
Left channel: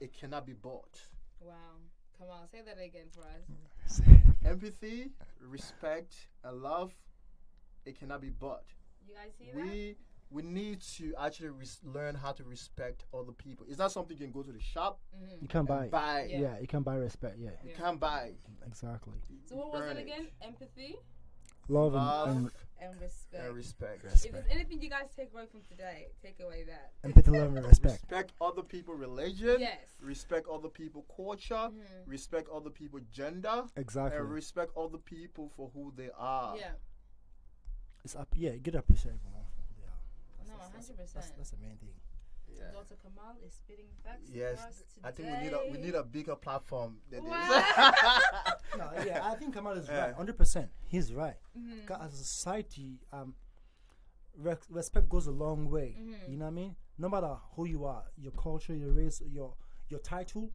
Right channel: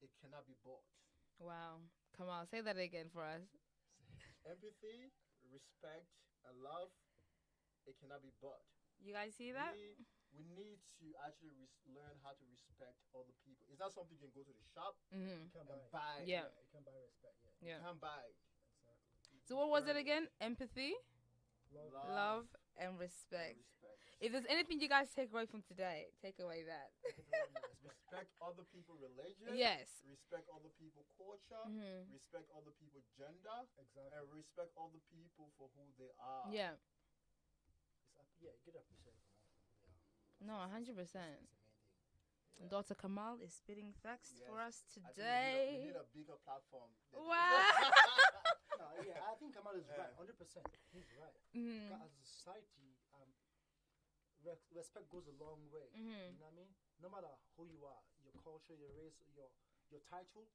it cannot be bought. Wow. Come on, say that again for us. Empathy, respect, and love, it cannot be bought. You guys see that? We need to actually learn how to respect other people. It's not something you can go to the shop. You can't buy. You can't buy respect. You can't buy. Exactly. So what was it again? Empathy, love and respect. If there's anything you guys take away from today, take away that. Empathy, love, and respect. Respect other people's religion. Yes. Respect other people's culture. Respect other people's gender. Exactly. And respect other people for who they are. It's up. Yeah, get appreciate for who they are. No, 100%. That's the main thing. Dr. Kamal is spitting facts yes, for us today. I think we need a bigger platform than this. I think Kamal is right, 100%. He's right. As a society, respect goes a long way. You know what I mean? No matter who you are, your culture, your race, your title,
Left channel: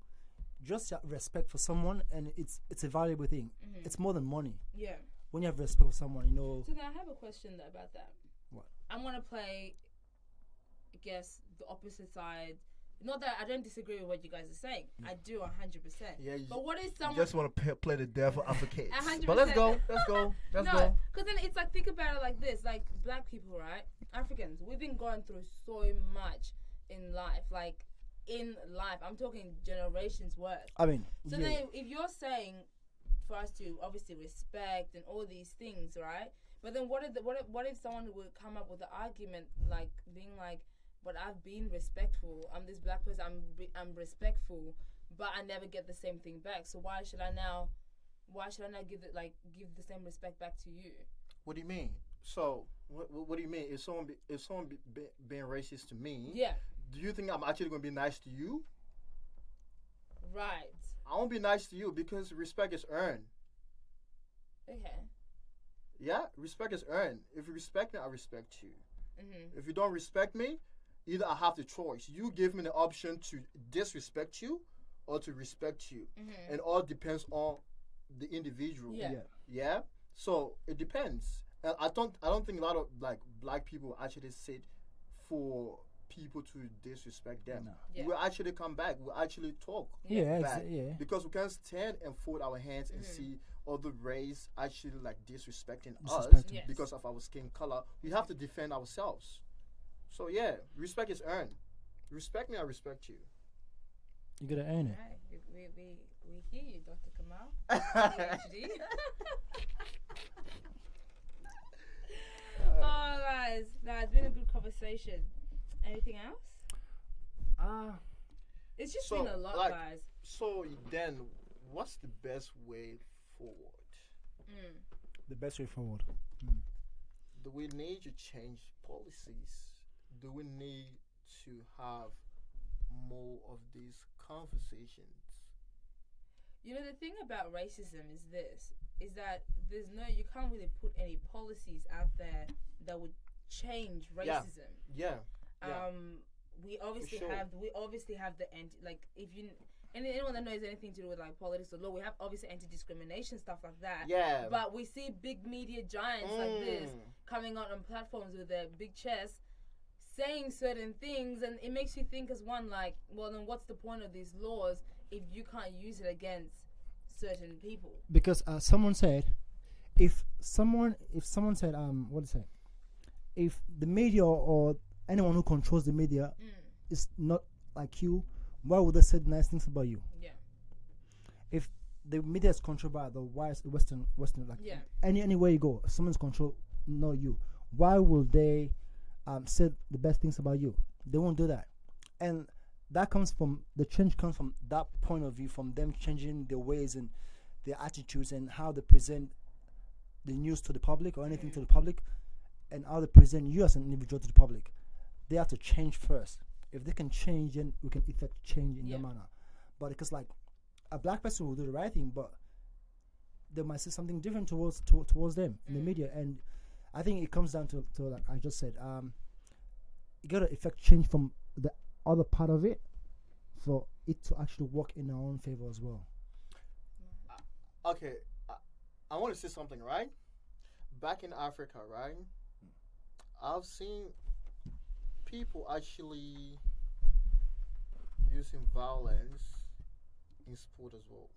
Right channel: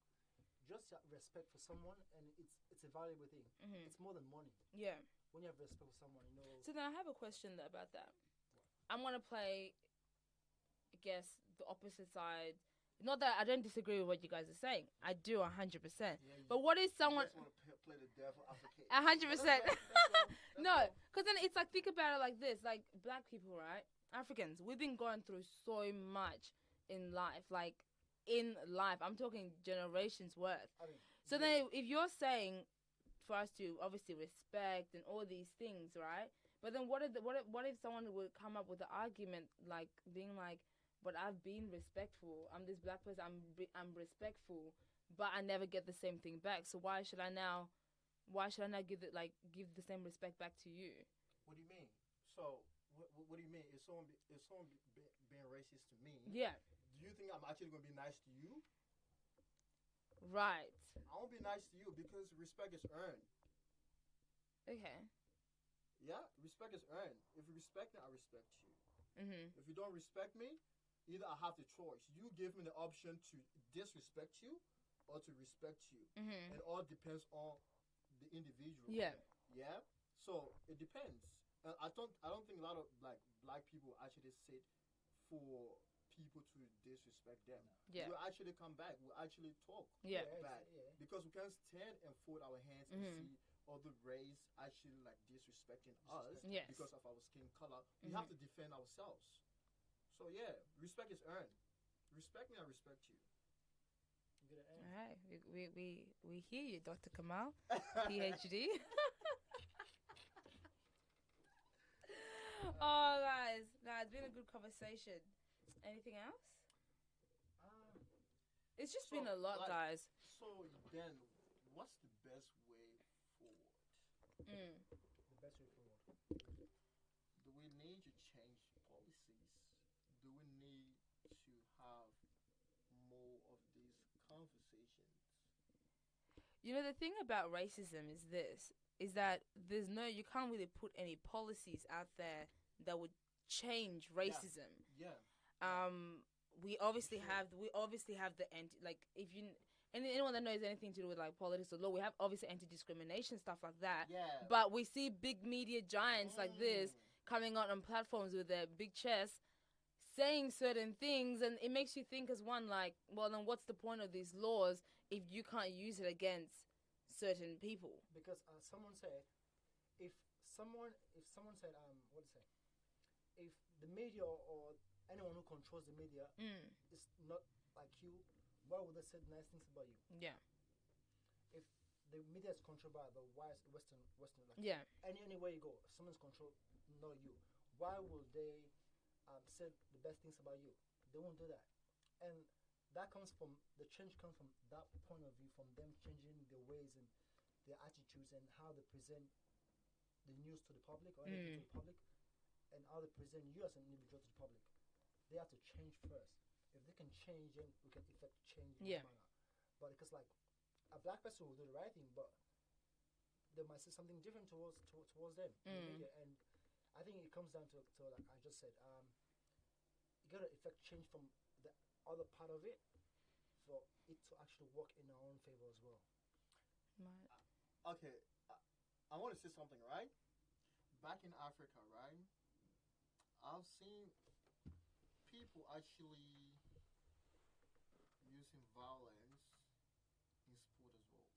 just respect for someone, and it's a valuable thing. It's more than money. When you have respect for someone, you know. So now I have a question about that. What? I'm gonna play, I guess, the opposite side, not that I don't disagree with what you guys are saying. I do 100%. Yeah, but what is You someone? just want to play the devil advocate. 100%. But let's go. Let's No, go. because then it's like, think about it like this: like black people, right? Africans, we've been going through so much in life. Like in life, I'm talking generations worth. I mean, So then, if you're saying for us to obviously respect and all these things, right? But then what if someone would come up with an argument like being like, but I've been respectful. I'm this black person. I'm respectful, but I never get the same thing back. So why should I now give the same respect back to you? What do you mean? So what do you mean? If someone being racist to me, Yeah. do you think I'm actually going to be nice to you? Right. I won't be nice to you because respect is earned. Okay. Yeah, respect is earned. If you respect me, I respect you. Mhm. If you don't respect me, either I have the choice. You give me the option to disrespect you or to respect you. Mhm. And all depends on the individual. Yeah. Yeah? So it depends. And I don't think a lot of like black people actually sit for people to disrespect them. No. Yeah. We'll actually come back. We'll actually talk Yeah, back. yeah. Because we can't stand and fold our hands and see other race actually like disrespecting us Disrespecting. Yes. because of our skin color. We have to defend ourselves. So yeah, respect is earned. Respect me, I respect you. You gotta earn it. Right. We hear you, Dr. Kamal, PhD. Oh, guys, it's been a good conversation. Anything else? It's just So, been a lot, like- guys. So then, what's the best way forward? The best way forward. Do we need to change policies? Do we need to have more of these conversations? You know, the thing about racism is that you can't really put any policies out there that would change racism. Yeah. We obviously sure. have the anyone that knows anything to do with like politics or law, we have obviously anti-discrimination stuff like that. Yeah. But we see big media giants like this coming out on platforms with their big chests saying certain things, and it makes you think as one like, well, then what's the point of these laws if you can't use it against certain people? Because someone said, if someone said what is it? If the media or anyone who controls the media is not like you, why would they say nice things about you? Yeah. If the media is controlled by the Western like Yeah. anywhere you go, someone's control, not you. Why will they say the best things about you? They won't do that, and that comes from the change comes from that point of view, from them changing their ways and their attitudes and how they present the news to the public or anything to the public, and how they present you as an individual to the public. They have to change first. If they can change, then we can effect change in their manner. But because like a black person will do the right thing, but they might say something different towards them in the media, and I think it comes down to like I just said, you gotta effect change from the other part of it for it to actually work in our own favor as well. Okay, I want to say something, right? Back in Africa, right? I've seen people actually using violence in sport as well.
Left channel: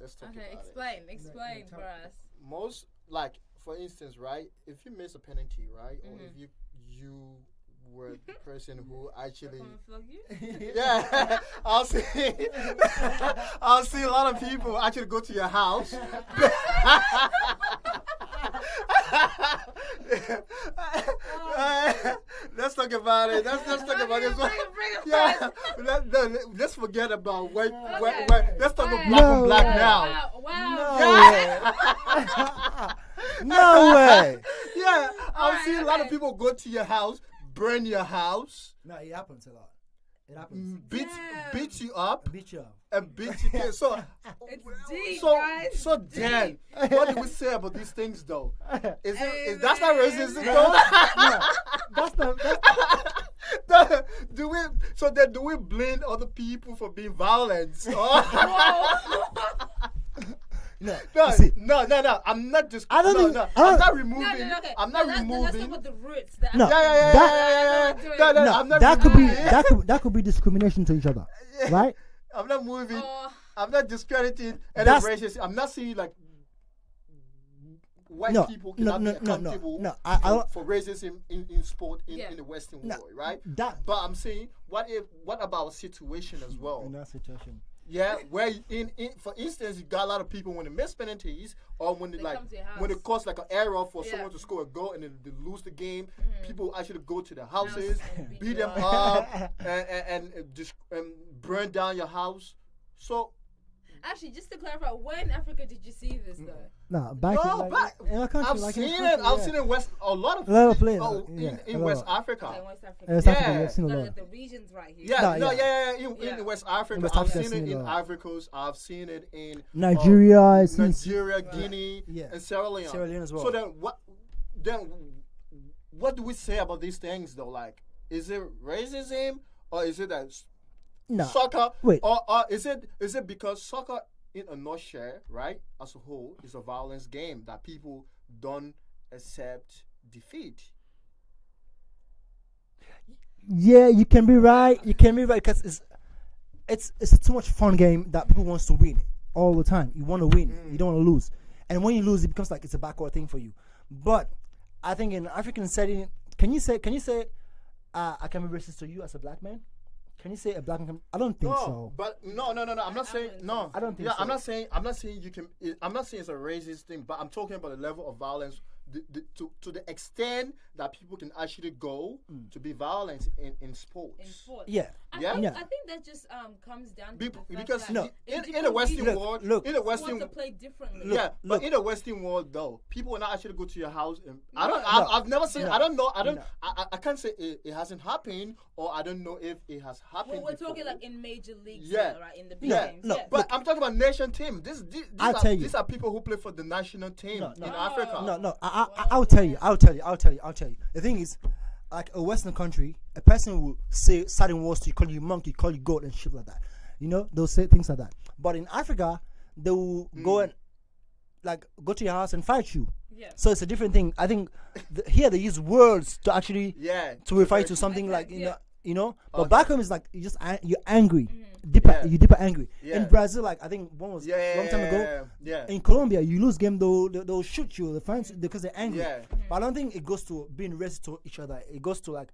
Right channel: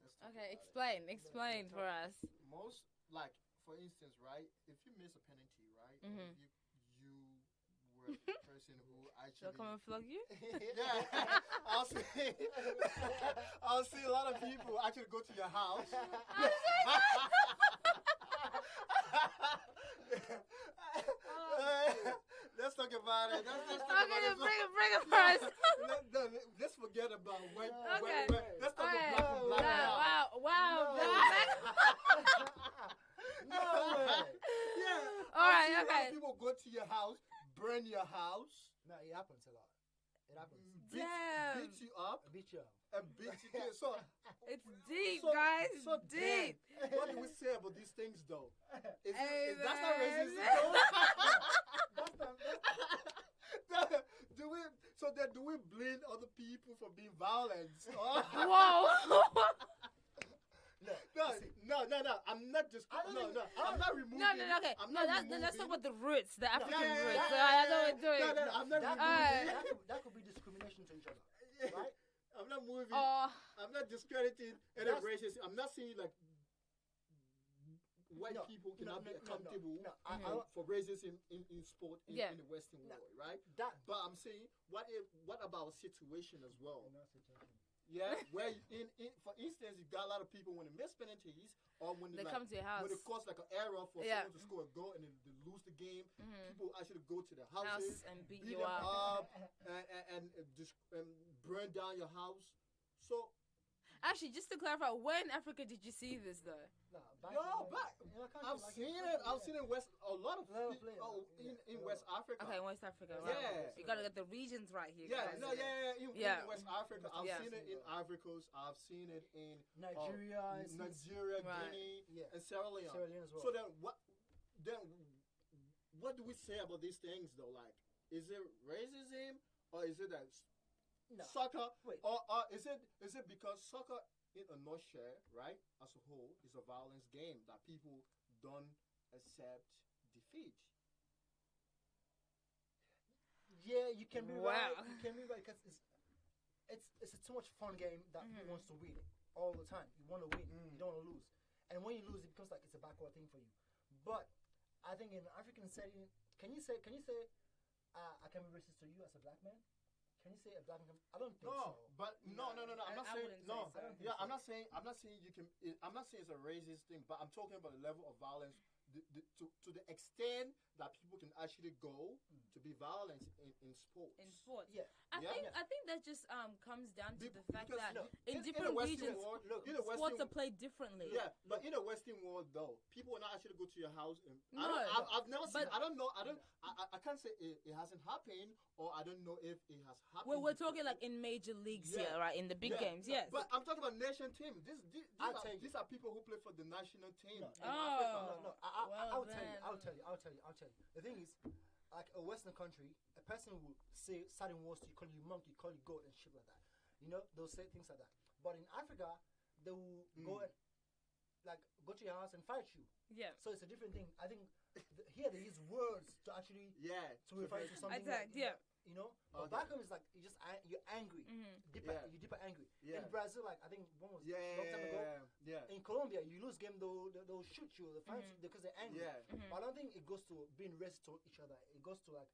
Let's talk Okay, about it. explain for us. Most, like, for instance, right? If you miss a penalty, right? Or if you were the person who actually... Come and flog you? Yeah, I'll see a lot of people actually go to your house. Let's talk about it. Let's talk about this. Yeah, let's forget about white. Let's talk about black on black now. Wow. No way. Yeah, I'll Alright, see a lot of okay. people go to your house, burn your house, No, it happens a lot. It happens. beat you up, Beat you up. and beat you. So It's deep, so guys. so It's Dan, deep. what do we say about these things though? Is that's not Amen. racism though? That's Do we blame other people for being violent? Whoa. No, see, no. I'm not just. I don't no, think- no. I don't- I'm not removing. No, okay. I'm not Let's removing. talk about the roots. No, No, no, I'm not that could be removing. that could be discrimination to each other, right? I'm not moving. Oh. I'm not discrediting any That's- races. I'm not saying like white No, people no, cannot no, be no, accountable no. I for racism in sport in the Western No, world, right? that But I'm saying, what about situation as well? in that situation. Yeah, where in for instance, you got a lot of people when they miss penalties or when they They like come to your when it house. costs like an error for Yeah. someone to score a goal and then they lose the game. Mm-hmm. People actually go to their houses, and beat beat you them up. up, and just burn down your house. So Actually, just to clarify, where in Africa did you see this though? Nah, back no, in, but like, in our country, I've like in seen our it. country, I've yeah. seen it in West a lot of places, yeah, in a West lot. Africa. Okay, West Africa. West Yeah. Africa, we've seen a Like lot. the regions right here. Yeah, Nah, no, yeah. in Yeah. West Africa. West I've Africa, seen it seen in a lot. Ivory Coast. I've seen it in Nigeria, I seen Nigeria, Right. Guinea, Yeah. and Sierra Leone. Sierra Leone as well. So then what do we say about these things though? Like, is it racism or is it that No, soccer? wait. Or is it because soccer in a nutshell, right, as a whole, is a violence game that people don't accept defeat. Yeah, you can be right. You can be right because it's a too much fun game that people wants to win all the time. You want to win. You don't want to lose. And when you lose, it becomes like it's a backward thing for you. But I think in African setting, can you say I can be racist to you as a black man? Can you say a black man? I don't think so. But no. I'm not saying no. I don't think Yeah, so. I'm not saying you can. I'm not saying it's a racist thing, but I'm talking about the level of violence, to the extent that people can actually go to be violent in sports. In sports. Yeah. I Yeah. think, Yeah. I think that just comes down to the fact Because that No. in different the Western regions, world, look, in the sports Western are played differently. yeah, look. but in the Western world though, people will not actually go to your house. And No. I've never seen. No. I don't know. No. I can't say it hasn't happened, or I don't know if it has happened. Well, we're talking before. like in major leagues, Yeah. now, right? In the big Yeah, games. no, yes. But I'm talking about nation team. I'll tell you. These are people who play for the national team No, no. in Oh. Africa. No. I'll tell you. I'll tell you. The thing is, like a Western country, a person will say certain words to you, call you monkey, call you goat, and shit like that. You know, they'll say things like that. But in Africa, they will go and like go to your house and fight you. Yeah. So it's a different thing. I think here they use words to actually Yeah. to refer to something like Exactly, yeah. you know. But Okay. back home is like you're angry, Yeah. you deeper angry. Yeah. In Brazil, like I think one was Yeah. a long time ago. Yeah. In Colombia, you lose game, they'll shoot you. They find because they're angry. Yeah. But I don't think it goes to being racist to each other. It goes to like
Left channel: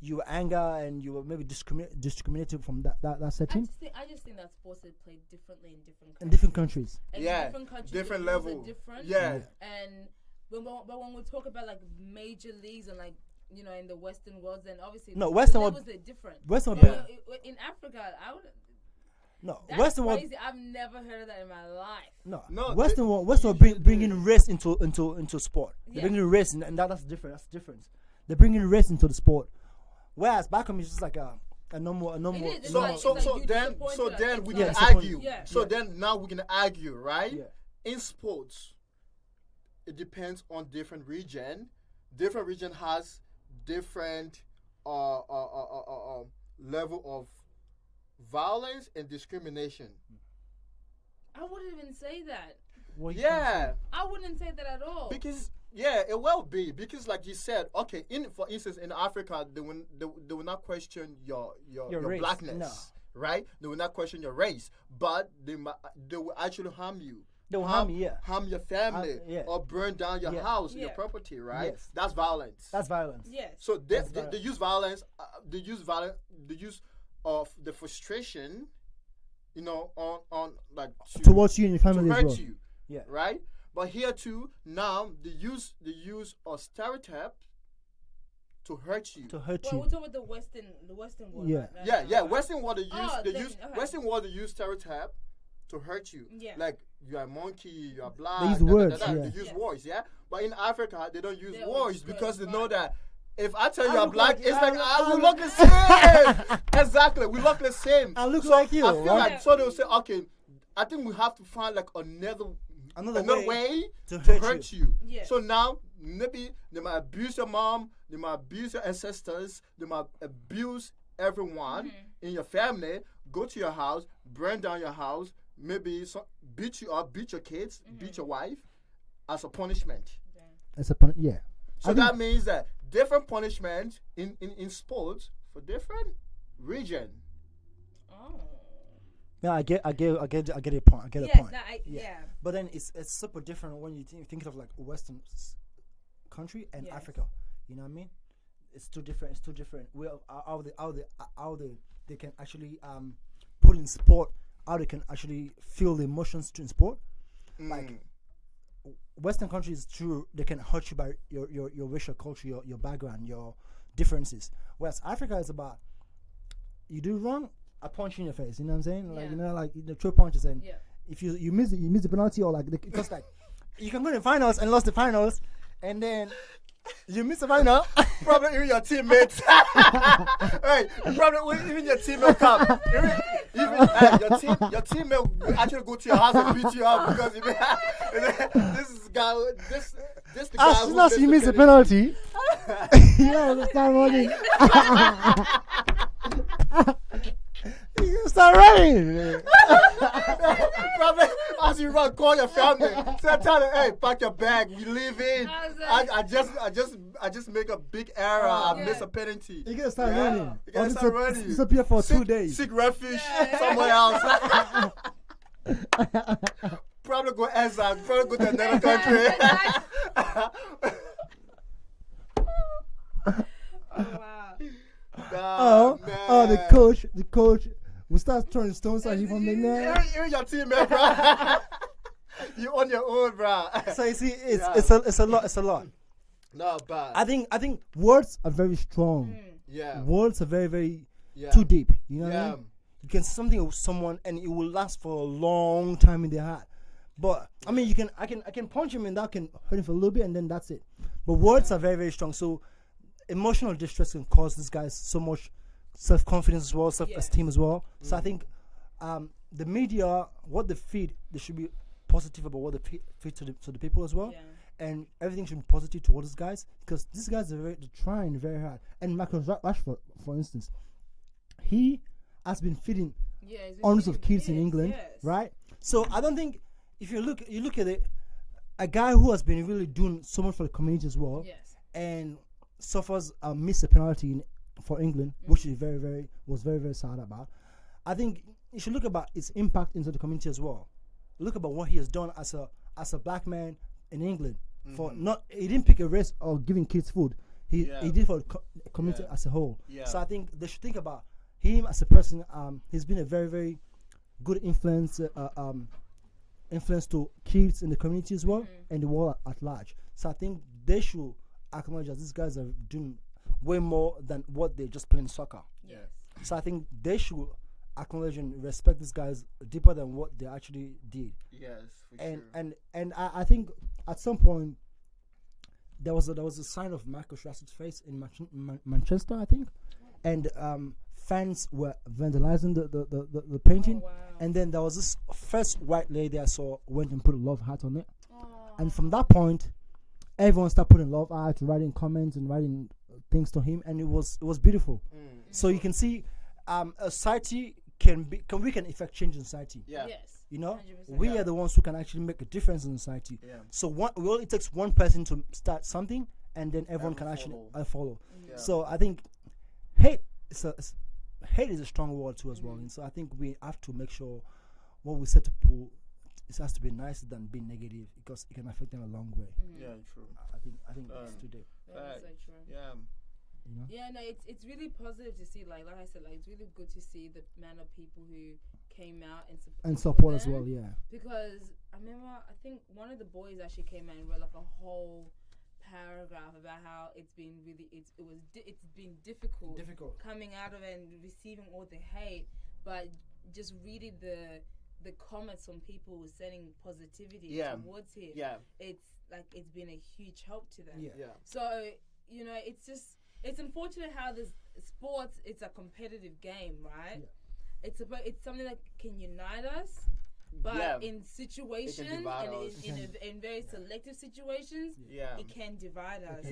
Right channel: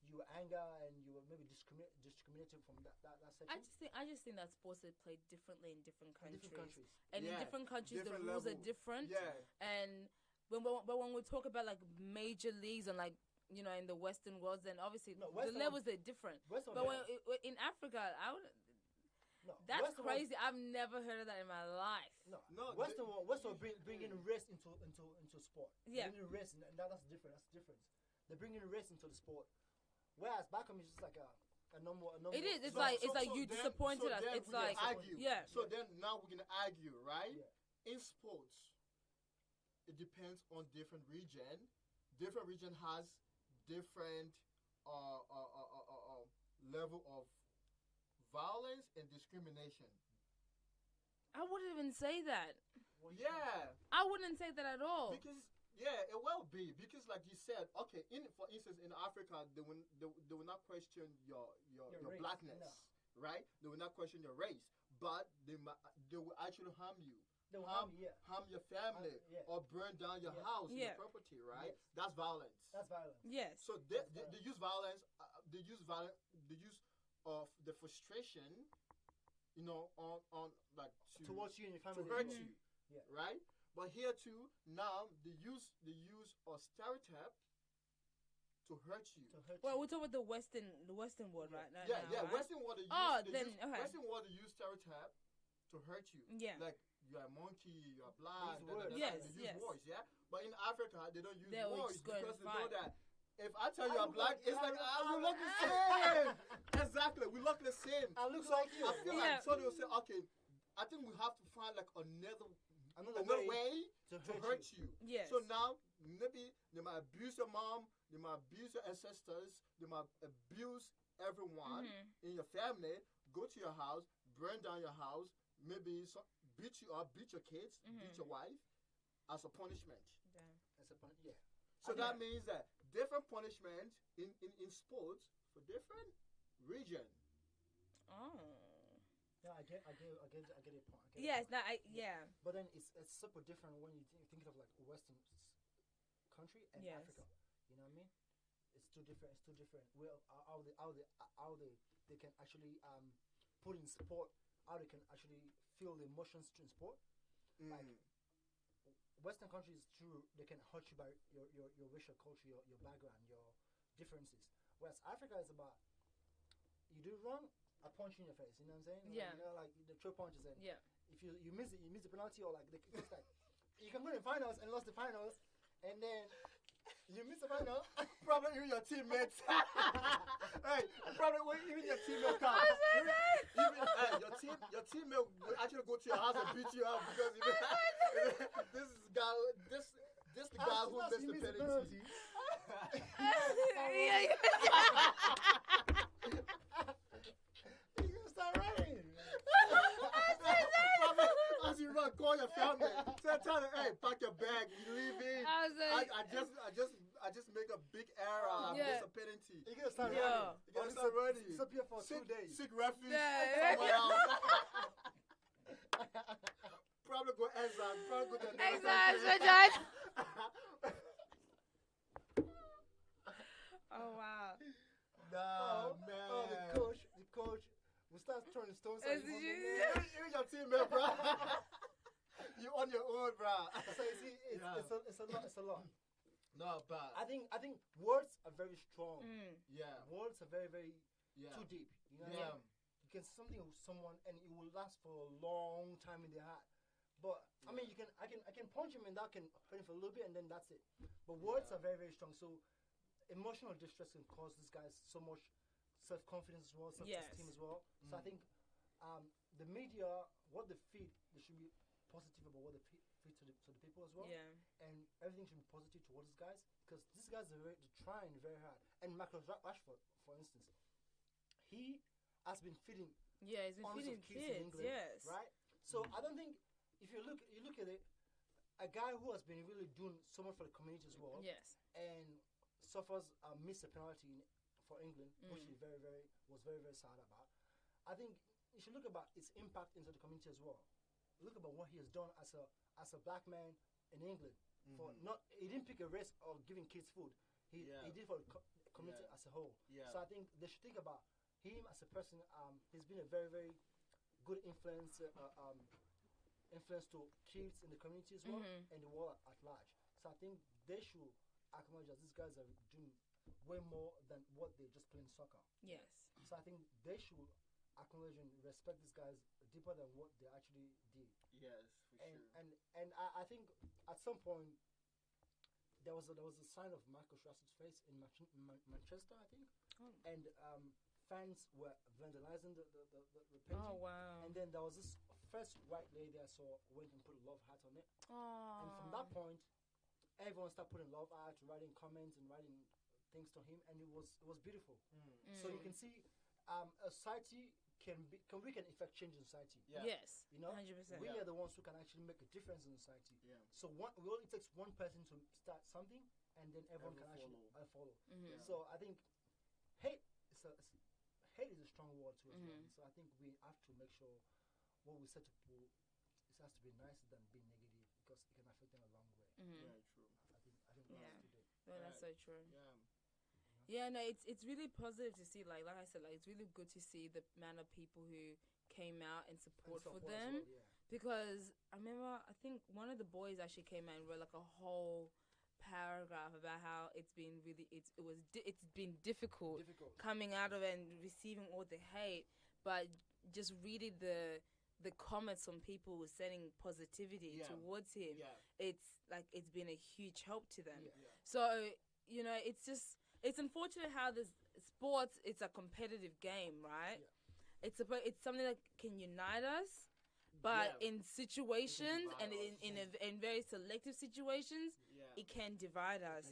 your anger and you were maybe discriminated from that setting I just think that sports are played differently in different countries. in different countries. And Yeah. in different countries, Different the rules level. are different. Yeah. And when we talk about like major leagues and like in the Western world, then obviously No, the Western world- levels are different. Western But world- in Africa, No, that's Western world. crazy. I've never heard of that in my life. No, Western world usually bringing race into sport. Yeah. They're bringing race, and that's different. That's the difference. They're bringing race into the sport, whereas back home is just like a normal. It is. It's So like so you then disappointed, it's we like- can disappointed. argue. Yeah. So Yeah. then now we can argue, right? Yeah. In sports, it depends on different region. Different region has different level of violence and discrimination. I wouldn't even say that. What you Yeah, I wouldn't say that at all. because it will be because like you said, okay, for instance in Africa they will not question your race, blackness, no. right? They will not question your race, but they will actually harm you. They'll harm you, yeah. Harm your family yeah. or burn down your Yeah. house, your Yeah. property, right? Yes. That's violence. That's violence. Yes. So That's they use violence. They use violence. The use of the frustration, on like Towards you and your to family as hurt well. you, Yeah. right? But here too, now the use of stereotype to hurt you. To hurt Well, you. we're talking about the Western world. Yeah. Right now, Yeah. right? Western world Oh, then, okay. Western world they use stereotype to hurt you. Yeah. Like you are a monkey, you are black. They use words, yeah. They use Yes. words, yeah. But in Africa, they don't use They words use because they words, know right. that if I tell you I I'm look black, like- it's I like look- we look the same. Exactly, we look the same. I look like you, I feel right? like so they'll say, okay, I think we have to find like another way to to hurt hurt you. Yes. So now maybe they might abuse your mom, they might abuse your ancestors, they might abuse everyone in your family. Go to your house, burn down your house, maybe beat you up, beat your kids, beat your wife as a punishment. It's a yeah. So that means that different punishment in sports for different region. Oh. Yeah, I get a point. I get a point. Yeah. But then it's super different when you think of like Western country and Africa. You know what I mean? It's too different. We how they can actually put in sport. How they can actually feel the emotions in sport. Like Western countries, true, they can hurt you by your racial culture, your background, your differences. Whereas Africa is about you do wrong, I punch you in your face. You know what I'm saying? Like like the true punches, and if you miss the penalty or like because like you can go to the finals and lost the finals, and then you miss the final. Probably even your teammates. Hey, probably even your teammate come. Even your teammate will actually go to your house and beat you up because this is the guy. This the guy. As soon as you miss the penalty, you start running. You start running. Probably as you run, call your family. Tell them, hey, pack your bag. We leaving. I just make a big error. I miss a penalty. You gotta start running. You gotta start running. Disappear for 2 days. Seek refuge somewhere else. Probably go exile. Probably go to another country. Oh wow. The coach will start throwing stones at you from the net. You're your teammate, bro. You on your own, bro. So you see, it's a lot. No, but I think words are very strong. Yeah. Words are very, very too deep. You know what I mean? You can say something with someone and it will last for a long time in their heart. But I mean, I can punch him and that can hurt him for a little bit and then that's it. But words are very, very strong. So emotional distress can cause these guys so much self-confidence as well, self-esteem as well. So I think the media, what they feed, they should be positive about what they feed to the people as well. And everything should be positive towards these guys because these guys they're trying very hard. And Marcus Rashford, for instance, he has been feeding hundreds of kids in England, right? So I don't think if you look at it, a guy who has been really doing so much for the community as well, and suffers missed a penalty for England, which is very, very sad about. I think you should look about its impact into the community as well. Look about what he has done as a black man in England. For he didn't pick a race or giving kids food. He did for the community as a whole. So I think they should think about him as a person. He's been a very, very good influence to kids in the community as well and the world at large. So I think they should acknowledge that these guys are doing way more than what they're just playing soccer. So I think they should acknowledge and respect these guys deeper than what they actually did. And I think at some point there was a sign of Marcus Rashford's face in Manchester, I think, and fans were vandalizing the painting, and then there was this first white lady I saw went and put a love heart on it, and from that point, everyone started putting love heart, writing comments and writing things to him, and it was beautiful. So you can see, a society we can effect change in society. You know, 100%. We are the ones who can actually make a difference in society. So it takes one person to start something, and then everyone can actually follow. So I think hate is a strong word too as well. And so I think we have to make sure what we say to people it has to be nicer than being negative because it can affect them a long way. Yeah, true. I think that's today. That's so true. You know? Yeah, no, it's really positive to see. Like I said, it's really good to see the amount of people who came out and support as well. Yeah. Because I remember, I think one of the boys actually came out and wrote like a whole paragraph about how it's been difficult coming out of it and receiving all the hate, but just reading the comments from people who sending positivity towards him. It's been a huge help to them. So it's unfortunate how this sports, it's a competitive game, right? It's something that can unite us, but in situations and in very selective situations, it can divide us.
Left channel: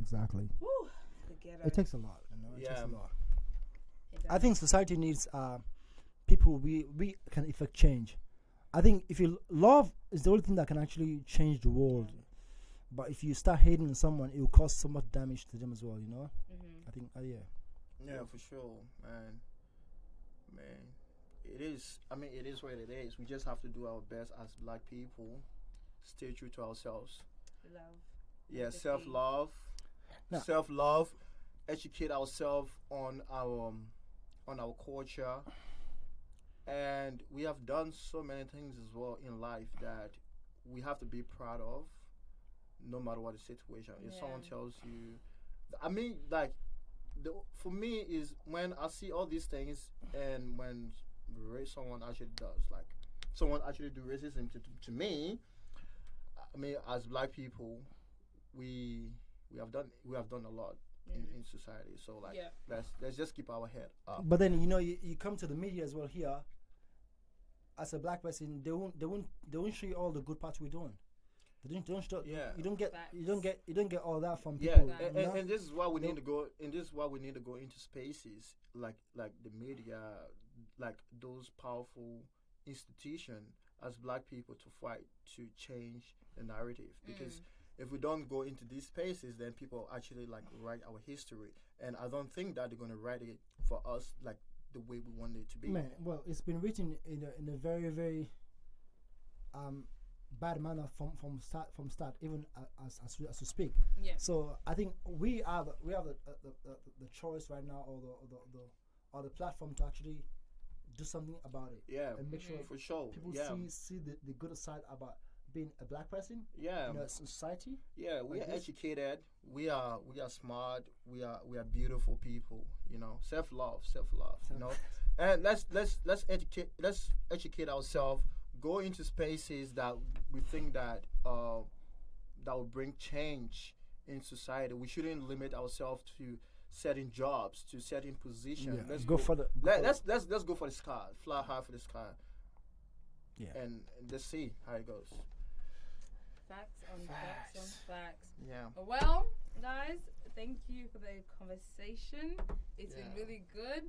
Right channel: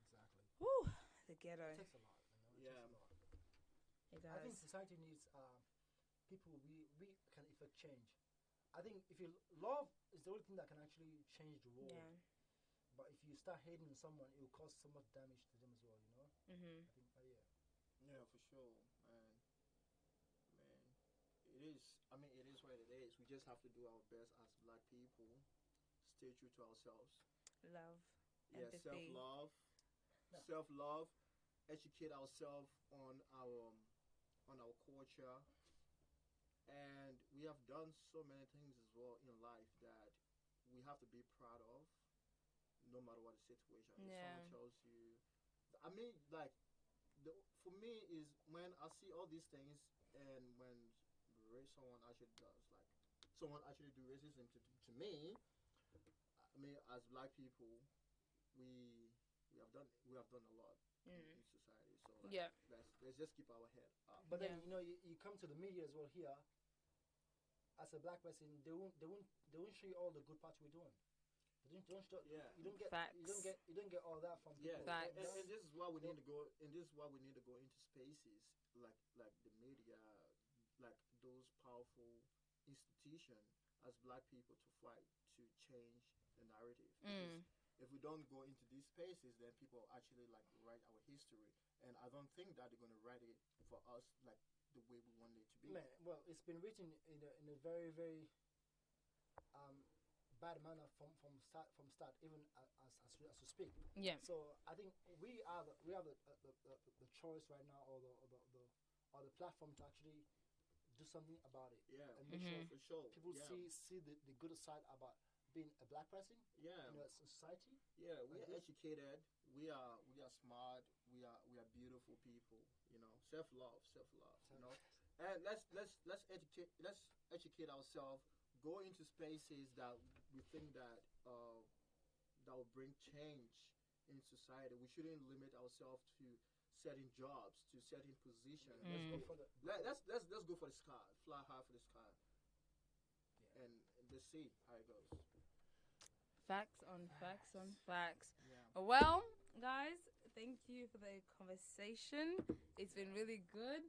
Exactly. Whew, it takes a lot. It takes a lot. I think society needs people we can effect change. I think if you love is the only thing that can actually change the world. But if you start hating someone, it will cause so much damage to them as well. You know. I think. Yeah. Yeah, for sure, man. Man, it is. I mean, it is what it is. We just have to do our best as black people. Stay true to ourselves. Love. Yeah, Empathy. Now- self love, educate ourselves on our culture, and we have done so many things as well in life that we have to be proud of, no matter what the situation. If someone Yeah. tells you, I mean, like, for me is when I see all these things, and when someone actually does, like, someone actually do racism to me. I mean, as black people, we we have done a lot in society. So like, Yeah. let's just keep our head up. But then you come to the media as well here. As a black person, they won't show you all the good parts we're doing. They don't show, Yeah. you don't get Facts. you don't get all that from Yeah, people. Facts. you know? and this is why we No. need to go. And this is why we need to go into spaces like the media, like those powerful institutions as black people to fight to change the narrative. Because if we don't go into these spaces, then people actually like write our history, and I don't think that they're gonna write it for us like the way we want it to be. Man, well, it's been written in a very very bad manner from start even as we speak. Yeah. So I think we have the choice right now, or the platform to actually do something about it. Yeah, And make sure for sure. people Yeah, see the good side about being a black person yeah. in a society. Yeah, we like are this. educated. We are smart. We are beautiful people. You know, self love. You know, and let's educate ourselves. Go into spaces that we think that that will bring change in society. We shouldn't limit ourselves to certain jobs, to certain positions. Yeah, Let's go for the let's go for the sky. Fly high for the sky. Yeah. And let's see how it goes. Facts on facts on facts. Yeah. Well, guys, thank you for the conversation. It's been Yeah. really good.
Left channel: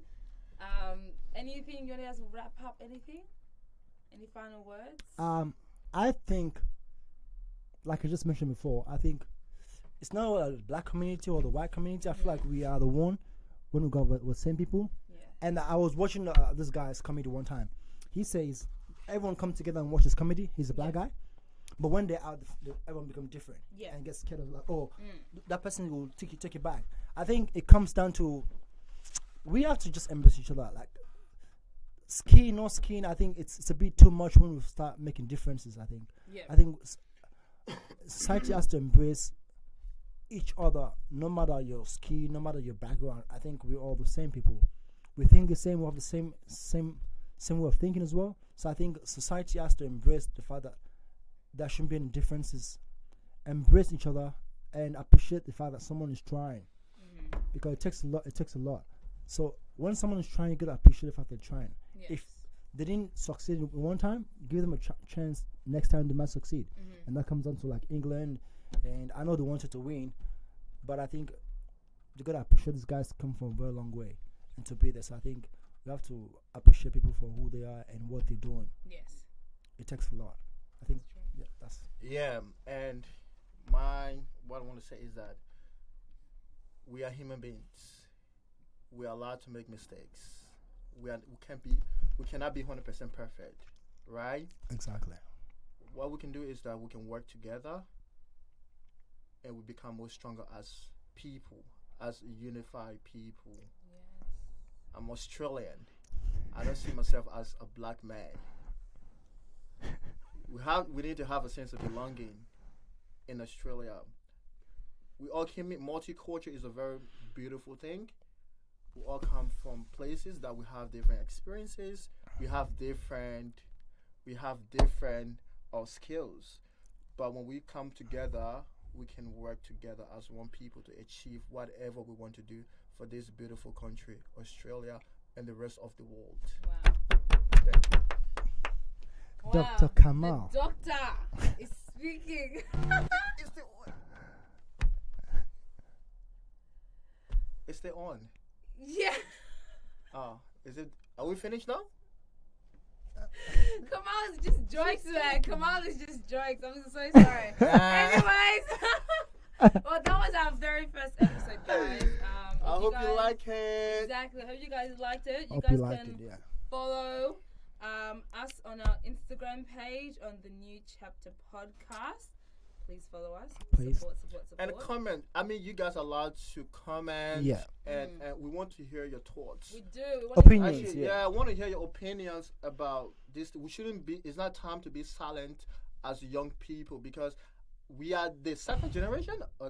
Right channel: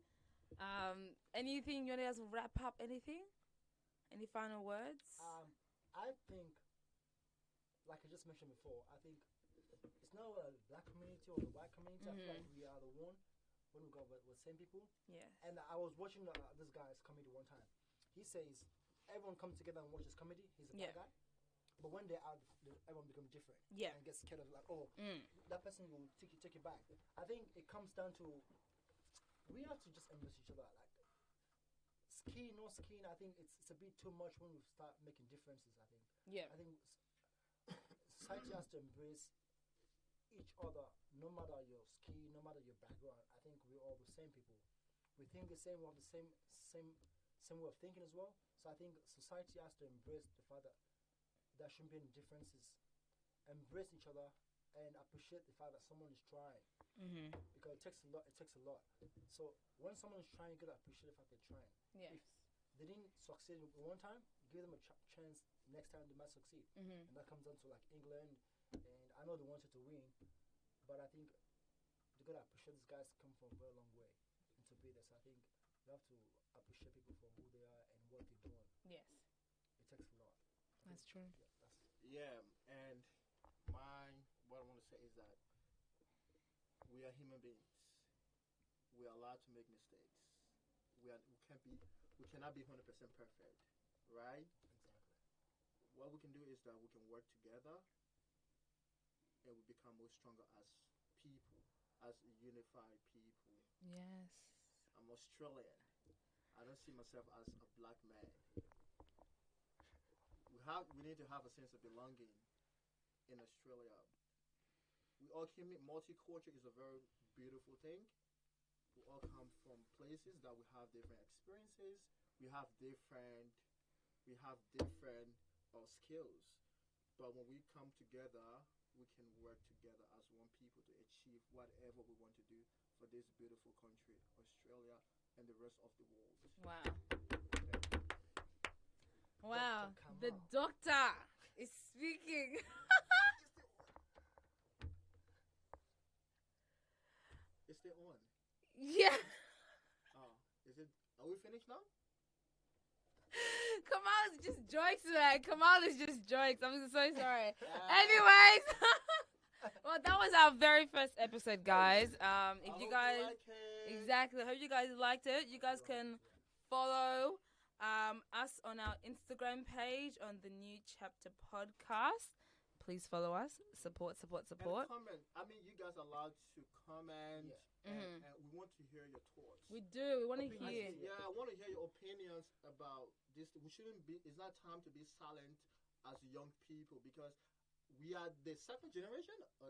Anything you want to wrap up? Anything? Any final words? I think, like I just mentioned before, I think it's not the black community or the white community. I feel like we are the one when we go with same people. Yeah. And I was watching this guy's comedy one time. He says everyone come together and watch his comedy. He's a black guy, but when they're out, everyone become different. Yeah. And gets scared of like, that person will take you back. I think it comes down to we have to just embrace each other. Like skin, no skin. I think it's a bit too much when we start making differences. I think. Yeah. I think society has to embrace each other, no matter your skin, no matter your background. I think we're all the same people. We think the same. We have the same way of thinking as well. So I think society has to embrace the fact that there shouldn't be any differences. Embrace each other and appreciate the fact that someone is trying, because it takes a lot. It takes a lot. So when someone is trying, you gotta appreciate the fact they're trying. Yes. If they didn't succeed one time, give them a chance. Next time they might succeed, and that comes down to like England. And I know they wanted to win, but I think you gotta appreciate these guys come from a very long way and to be there. So I think we have to appreciate people for who they are and what they're doing. Yes. It takes a lot. I think. That's true. Yeah, that's. Yeah, and what I want to say is that we are human beings. We are allowed to make mistakes. We cannot be 100% perfect, right? Exactly. What we can do is that we can work together, and we become more stronger as people, as unified people. Yes. I'm Australian. I don't see myself as a black man. We need to have a sense of belonging in Australia. We all came in. Multicultural is a very beautiful thing. We all come from places that we have different experiences. We have different skills. But when we come together, we can work together as one people to achieve whatever we want to do for this beautiful country, Australia, and the rest of the world. Wow. Thank you. Wow. Dr. Kamal. The doctor is speaking. It's still on. Yeah. Is it? Are we finished now? Kamal is just jokes, man. Kamal is just jokes. I'm so sorry. Anyways, well, that was our very first episode, guys. I hope you like it. Exactly. Hope you guys liked it. You Hope guys you liked can it, yeah. follow us on our Instagram page on the New Chapter Podcast. Please follow us. Please. Support. And comment. I mean, you guys are allowed to comment. Yeah. And we want to hear your thoughts. We do. We want Opinions. to Actually, I want to hear your opinions about this. We shouldn't be. It's not time to be silent as young people because we are the second generation or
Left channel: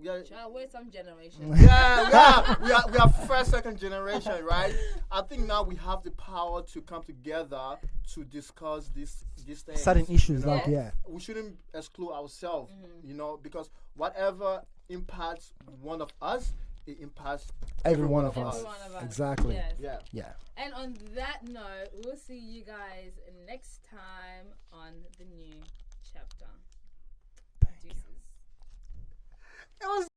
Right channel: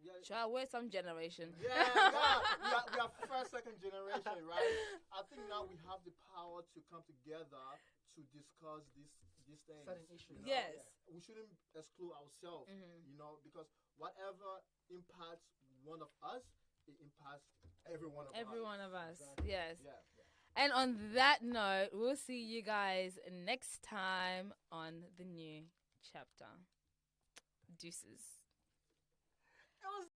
we are. Child, we're some generation. We are first, second generation, right? I think now we have the power to come together to discuss these things. Certain issues, you know? like, yeah. We shouldn't exclude ourselves, you know, because whatever impacts one of us, it impacts Every one of Every us. one of us. Exactly. Yes. Yeah. And on that note, we'll see you guys next time on the New Chapter. Deuces. It was